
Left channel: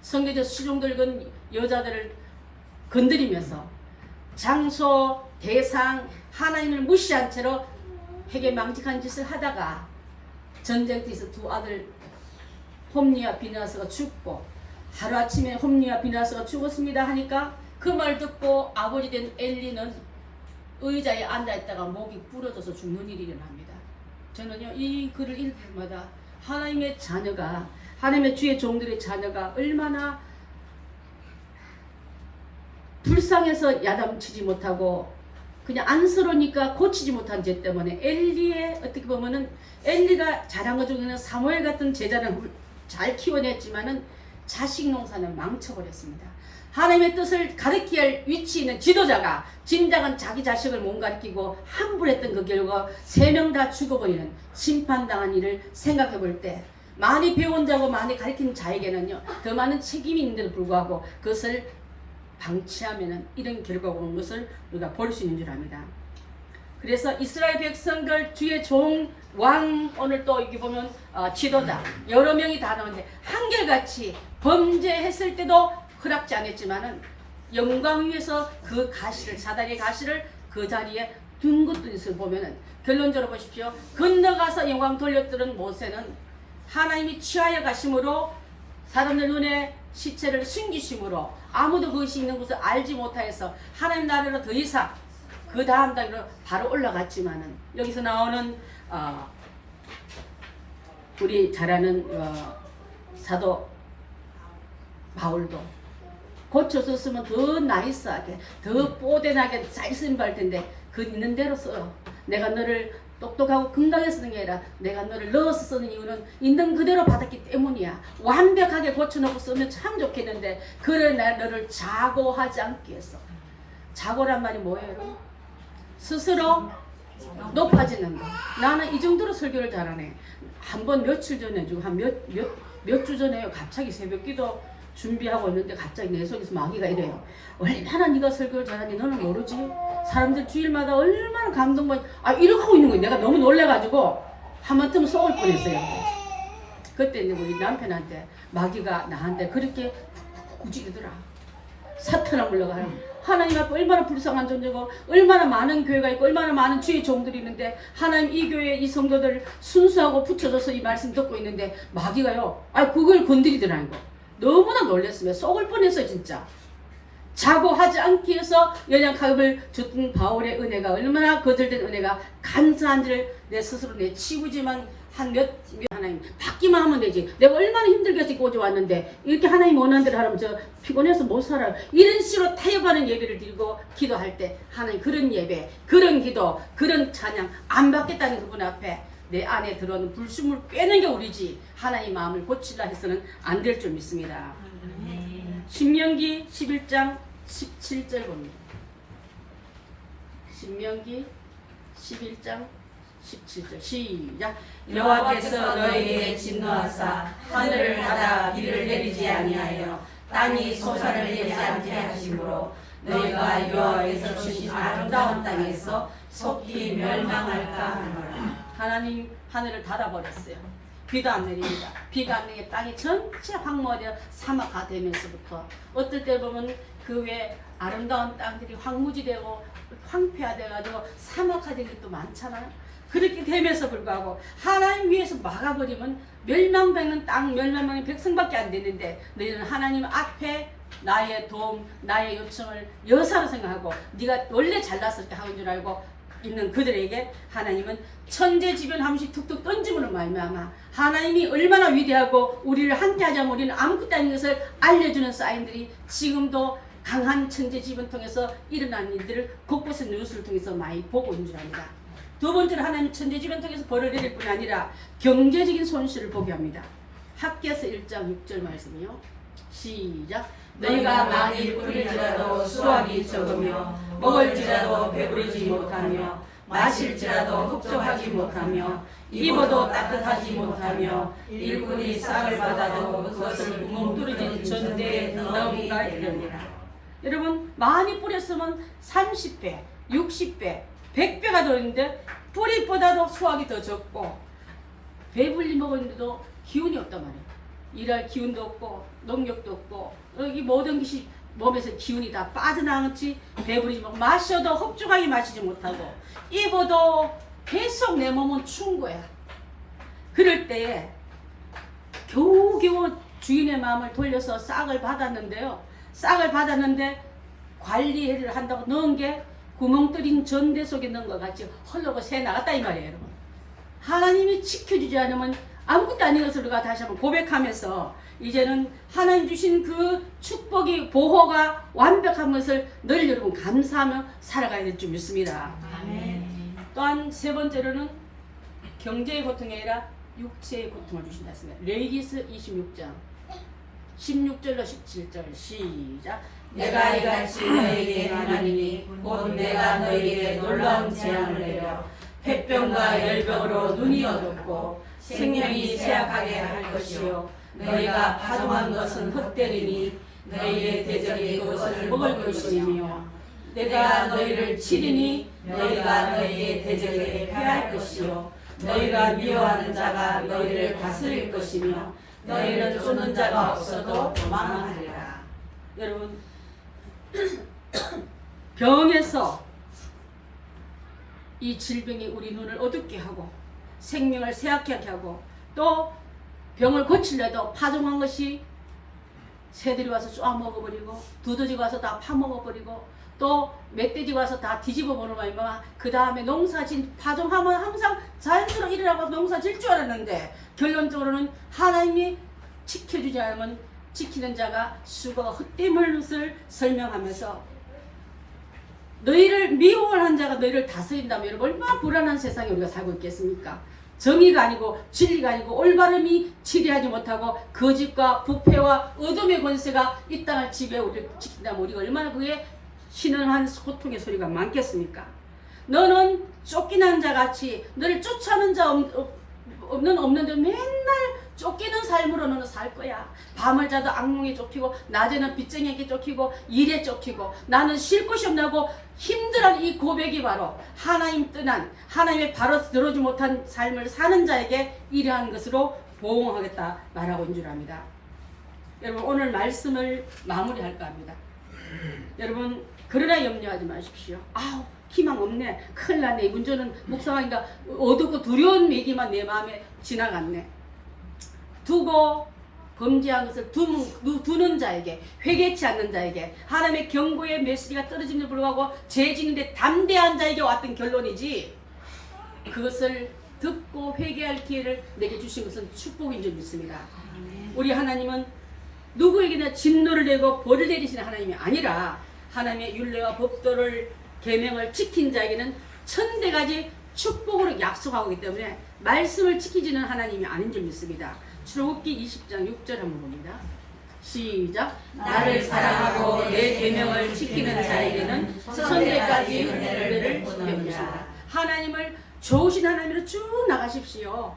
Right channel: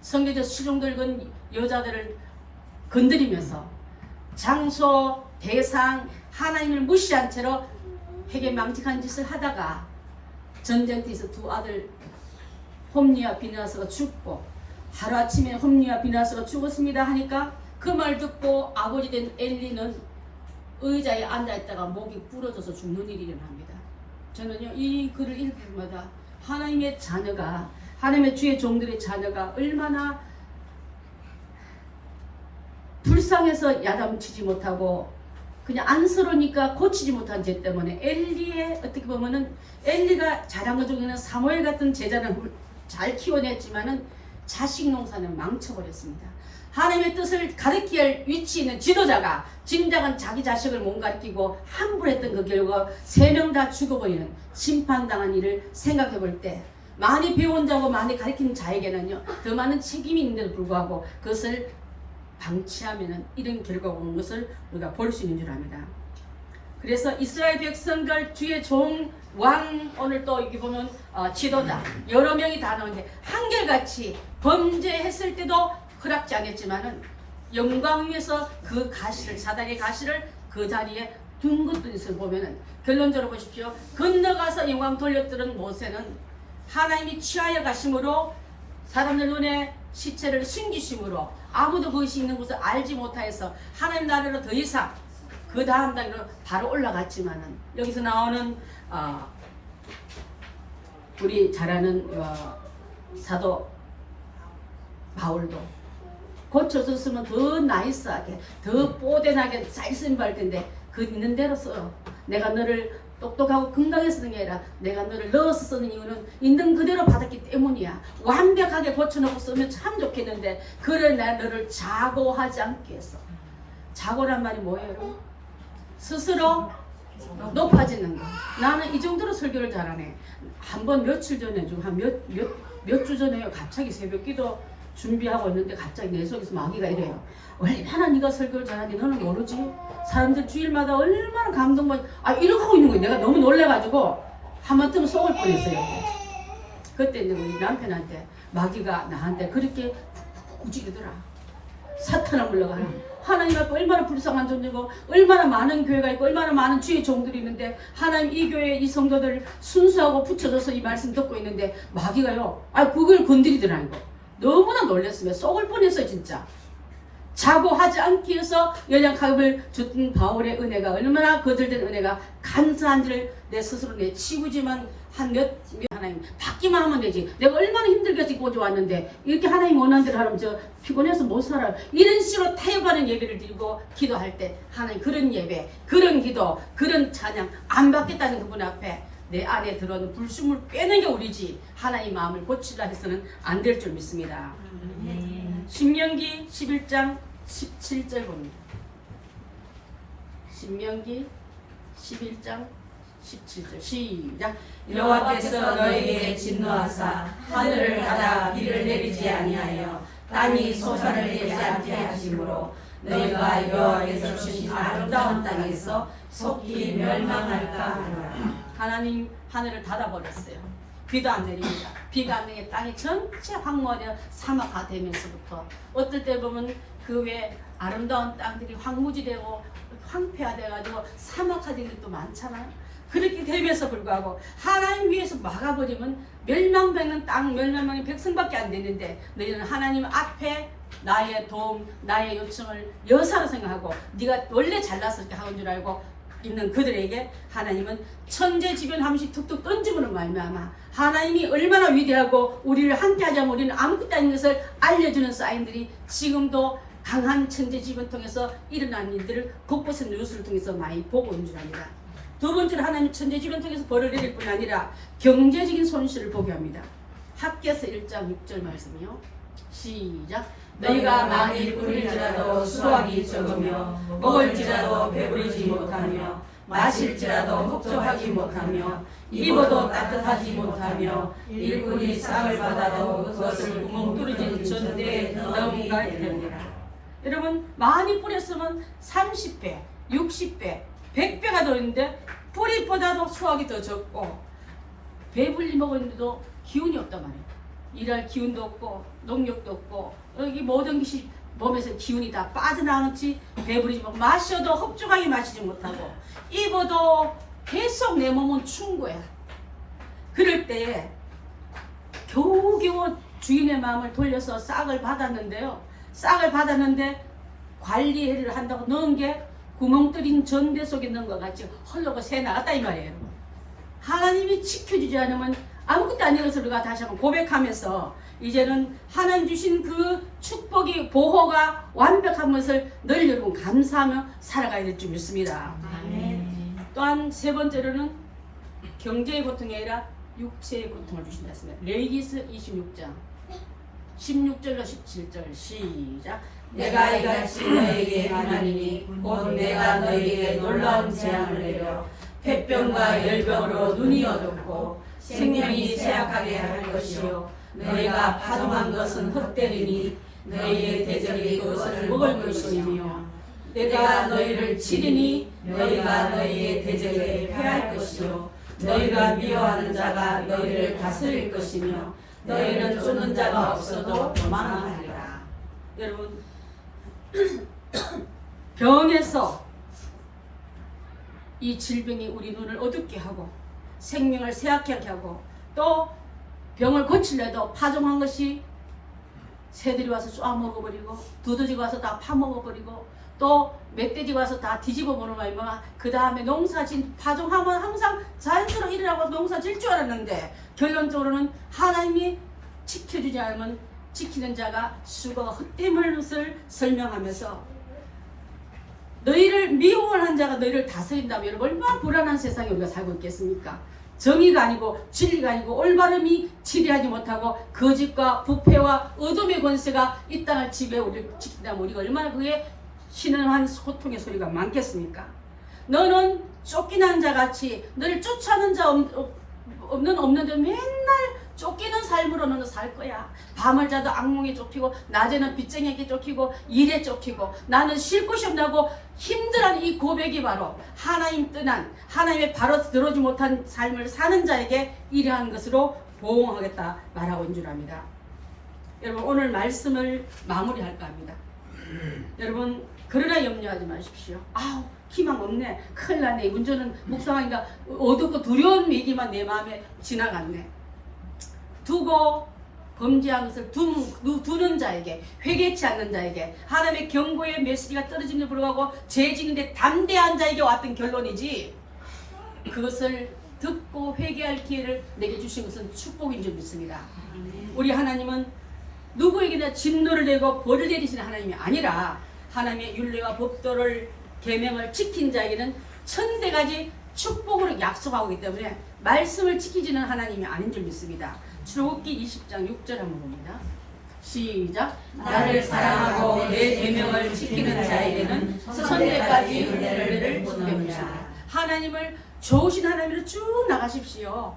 성경에서 시종들 건 여자들을 건드리면서 장소, 대상, 하나님을 무시한 채로 회개망직한 짓을 하다가 전쟁터에서 두 아들 홈리와 비나스가 죽고 하루아침에 홈리와 비나스가 죽었습니다 하니까 그 말 듣고 아버지 된 엘리는 의자에 앉아있다가 목이 부러져서 죽는 일이 일어납니다. 저는요 이 글을 읽을 때마다 하나님의 자녀가, 하나님의 주의 종들의 자녀가 얼마나 불쌍해서 야단치지 못하고 그냥 안쓰러우니까 고치지 못한 죄 때문에 엘리의 어떻게 보면은 엘리가 잘한 것 중에는 사무엘 같은 제자를 잘 키워냈지만은 자식 농사는 망쳐버렸습니다. 하나님의 뜻을 가르쳐야 할 위치에 있는 지도자가 진작은 자기 자식을 못 가르치고 함부로 했던 그 결과 3명 다 죽어버리는 심판당한 일을 생각해 볼 때 많이 배운 자고 많이 가르치는 자에게는요 더 많은 책임이 있는데도 불구하고 그것을 방치하면 이런 결과가 온 것을 우리가 볼 수 있는 줄 압니다. 그래서 이스라엘 백성들 주의 종 왕 오늘 또 여기 보면 지도자 여러 명이 다 나오는데 한결같이 범죄했을 때도 허락지 않았지만은 영광 위에서 그 가시를 사다리의 가시를 그 자리에 둔 것도 있을 보면은 결론적으로 보십시오. 건너가서 영광 돌려들은 모세는 하나님이 취하여 가심으로 사람들 눈에 시체를 숨기심으로 아무도 그것이 있는 것을 알지 못하여서 하나님 나라로 더 이상 그 다음 단계로 바로 올라갔지만은 여기서 나오는 우리 잘 아는 사도 바울도 고쳐졌으면 더 나이스하게 더 뽀대나게 잘 쓰임 받을 텐데 그 있는 대로 써. 내가 너를 똑똑하고 건강해서 쓰는 게 아니라 내가 너를 넣어서 쓰는 이유는 있는 그대로 받았기 때문이야. 완벽하게 고쳐놓고 쓰면 참 좋겠는데 그래 내가 너를 자고하지 않게 했어. 자고란 말이 뭐예요 여러분? 스스로 높아지는 거. 나는 이 정도로 설교를 잘하네. 한번 며칠 전에 지금 한 몇 주 전에 갑자기 새벽 기도 준비하고 있는데 갑자기 내 속에서 마귀가 이래요. 얼마나 네가 설교를 잘하는지 너는 모르지? 사람들 주일마다 얼마나 감동받 이러고 하고 있는 거예요. 내가 너무 놀래가지고 한번쯤 속을 뻔했어요. 그때 이제 우리 남편한테 마귀가 나한테 그렇게 구지르더라. 사탄아 물러가라. 하나님 앞에 얼마나 불쌍한 존재고 얼마나 많은 교회가 있고 얼마나 많은 주의 종들이 있는데 하나님 이 교회 이 성도들 순수하고 붙여줘서 이 말씀 듣고 있는데 마귀가요 그걸 건드리더라니까. 너무나 놀랐으면 속을 뻔했어요 진짜. 자고하지 않기 위해서 연약함을 줬던 바울의 은혜가 얼마나 거절된 은혜가 감사한지를 내 스스로 내치우지만 하나님 받기만 하면 되지. 내가 얼마나 힘들게 해서 꼬져 왔는데 이렇게 하나님 원하는 대로 하면 저 피곤해서 못 살아요. 이런 식으로 타협하는 예배를 드리고 기도할 때 하나님 그런 예배, 그런 기도, 그런 찬양 안 받겠다는 그분 앞에 내 안에 들어오는 불순물 빼는 게 우리지 하나님 마음을 고치라 해서는 안 될 줄 믿습니다. 신명기 11장 17절 봅니다. 신명기 11장 17절 시작. 여호와께서 너희에게 진노하사 하늘을 닫아 비를 내리지 아니하여 땅이 소사를 내지 않게 하심으로 너희가 여호와께서 주신 아름다운 땅에서 속히 멸망할까 하노라. 하나님 하늘을 닫아버렸어요. 비도 안 내립니다. 비가 안 내게 땅이 전체 황무하여 사막화 되면서부터 어떨 때 보면 그 외에 아름다운 땅들이 황무지되고 황폐화돼가지고 사막화된 것도 많잖아요. 그렇게 되면서 불구하고 하나님 위해서 막아버리면 멸망되는 땅 멸망하는 백성밖에 안 되는데 너희는 하나님 앞에 나의 도움 나의 요청을 여사로 생각하고 네가 원래 잘나서 이렇게 하는 줄 알고 있는 그들에게 하나님은 천재지변 함시 툭툭 던짐으로 말미암아 하나님이 얼마나 위대하고 우리를 함께하자면 우리는 아무것도 아닌 것을 알려주는 사인들이 지금도 강한 천재지변 통해서 일어난 일들을 곳곳에 뉴스를 통해서 많이 보고 있는 줄 압니다. 두 번째로 하나님 천재지변 통해서 벌을 내릴 뿐 아니라 경제적인 손실을 보게 합니다. 학개서 1장 6절 말씀이요. 시작. 너희가 만일 뿌릴지라도 수확이 적으며 먹을지라도 배부르지 못하며 마실지라도 흡족하지 못하며 입어도 따뜻하지 못하며 일꾼이 싹을 받아도 그것을 구멍 뚫어진 전대에 넣은가 이랍니다. 여러분 많이 뿌렸으면 30배, 60배, 100배가 들어있는데 뿌리보다도 수확이 더 적고 배불리 먹었는데도 기운이 없단 말이에요. 일할 기운도 없고 농력도 없고 여기 모든 것이 몸에서 기운이 다 빠져나갔지 배부르지 못 마셔도 흡족하게 마시지 못하고 입어도 계속 내 몸은 추운 거야. 그럴 때에 겨우겨우 주인의 마음을 돌려서 싹을 받았는데요. 싹을 받았는데 관리를 한다고 넣은 게 구멍 뚫린 전대 속에 넣은 것 같이 헐렁고 새 나갔다 이 말이에요. 여러분. 하나님이 지켜주지 않으면 아무것도 아닌 것을 우리가 다시 한번 고백하면서 이제는 하나님 주신 그 축복이 보호가 완벽한 것을 늘 여러분 감사하며 살아가야 될 줄 믿습니다. 또한 세 번째로는 경제의 고통이 아니라 육체의 고통을 주신다 했습니다. 레위기서 26장 16절로 17절 시작. 내가 이같이 너에게 행하리니 곧 내가 너에게 놀라운 재앙을 내려 폐병과 열병으로 눈이 어둡고 생명이 쇠약하게 할 것이요 너희가 파종한 것은 헛되리니 너희의 대적이 그것을 먹을 것이며 내가 너희를 치리니 너희가 너희의 대적에게 패할 것이요 너희가 미워하는 자가 너희를 다스릴 것이며 너희는 쫓는 자가 없어도 도망하리라. 여러분, 병에서 이 질병이 우리 눈을 어둡게 하고 생명을 쇠약하게 하고 또 병을 고치려도 파종한 것이 새들이 와서 쫙 먹어버리고 두더지가 와서 다 파먹어버리고 또 멧돼지가 와서 다 뒤집어보는 거야. 그 다음에 농사진 파종하면 항상 자연스럽게 일어나고 농사 질 줄 알았는데 결론적으로는 하나님이 지켜주지 않으면 지키는 자가 수고가 헛됨을 것을 설명하면서 너희를 미워하는 자가 너희를 다스린다면 여러분 얼마나 불안한 세상에 우리가 살고 있겠습니까? 정의가 아니고 진리가 아니고 올바름이 지배하지 못하고 거짓과 부패와 어둠의 권세가 이 땅을 지배 우리를 지킨다면 우리가 얼마나 그게 신음한 소통의 소리가 많겠습니까? 너는 쫓기는 자같이 너를 쫓아오는 자 없는 자 맨날 쫓기는 삶으로 너는 살 거야. 밤을 자도 악몽에 쫓기고 낮에는 빚쟁이에게 쫓기고 일에 쫓기고 나는 쉴 곳이 없나고 힘들어하는 이 고백이 바로 하나님 떠난 하나님의 바로 들어오지 못한 삶을 사는 자에게 이러한 것으로 보응하겠다 말하고 있는 줄 압니다. 여러분 오늘 말씀을 마무리할까 합니다. 여러분 그러나 염려하지 마십시오. 아우 희망 없네. 큰일 났네. 문제는 묵상하니까 어둡고 두려운 얘기만 내 마음에 지나갔네. 두고 범죄한 것을 두는 자에게 회개치 않는 자에게 하나님의 경고의 메시지가 떨어짐에도 불구하고 죄 지는데 담대한 자에게 왔던 결론이지 그것을 듣고 회개할 기회를 내게 주신 것은 축복인 줄 믿습니다. 우리 하나님은 누구에게나 진노를 내고 벌을 내리시는 하나님이 아니라 하나님의 율례와 법도를 계명을 지킨 자에게는 천대가지 축복으로 약속하고 있기 때문에 말씀을 지키지는 하나님이 아닌 줄 믿습니다. 출애굽기 20장 6절 한번 봅니다. 시작. 나를 사랑하고 내 계명을 지키는 자에게는 천대까지 은혜를 베푸시리라. 하나님을 좋으신 하나님으로 쭉 나가십시오.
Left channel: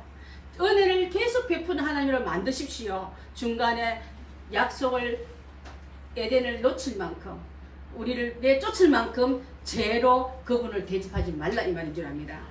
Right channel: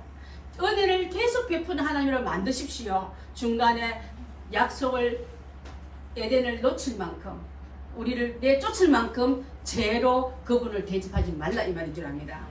은혜를 계속 베푸는 하나님으로 만드십시오. 중간에 약속을 에덴을 놓칠 만큼 우리를 내쫓을 만큼 죄로 그분을 대접하지 말라 이 말인 줄 압니다.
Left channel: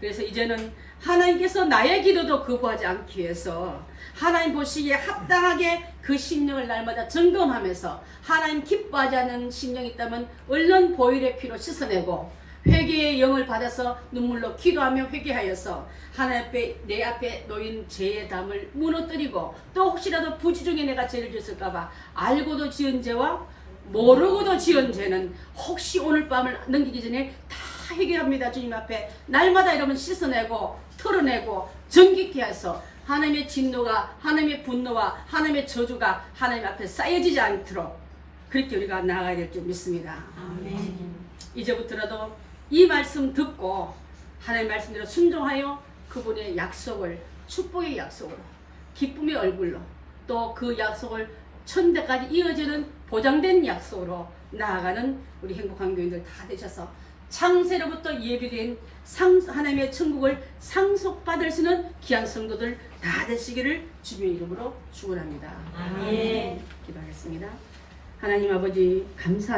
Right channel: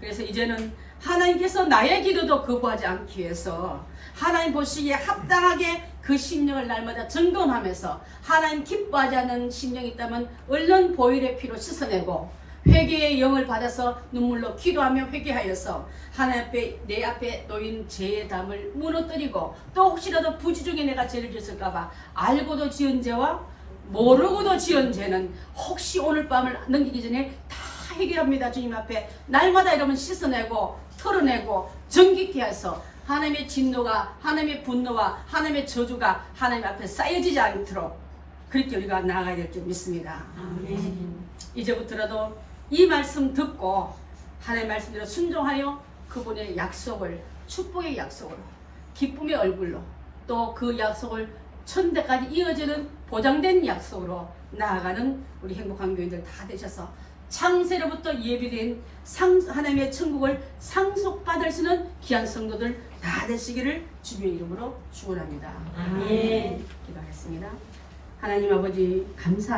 그래서 이제는 하나님께서 나의 기도도 거부하지 않기 위해서 하나님 보시기에 합당하게 그 심령을 날마다 점검하면서 하나님 기뻐하지 않는 심령이 있다면 얼른 보혈의 피로 씻어내고 회개의 영을 받아서 눈물로 기도하며 회개하여서 하나님 앞에 내 앞에 놓인 죄의 담을 무너뜨리고 또 혹시라도 부지 중에 내가 죄를 지었을까봐 알고도 지은 죄와 모르고도 지은 죄는 혹시 오늘 밤을 넘기기 전에 다 해결합니다. 주님 앞에 날마다 이러면 씻어내고 털어내고 정직케 해서 하나님의 진노가 하나님의 분노와 하나님의 저주가 하나님 앞에 쌓여지지 않도록 그렇게 우리가 나아가야 될 줄 믿습니다. 아멘. 이제부터라도 이 말씀 듣고 하나님의 말씀대로 순종하여 그분의 약속을 축복의 약속으로 기쁨의 얼굴로 또 그 약속을 천대까지 이어지는 보장된 약속으로 나아가는 우리 행복한 교인들 다 되셔서 창세로부터 예비된 하나님의 천국을 상속받을 수 있는 귀한 성도들 다 되시기를 주님의 이름으로 축원합니다. 아멘. 기도하겠습니다. 하나님 아버지 감사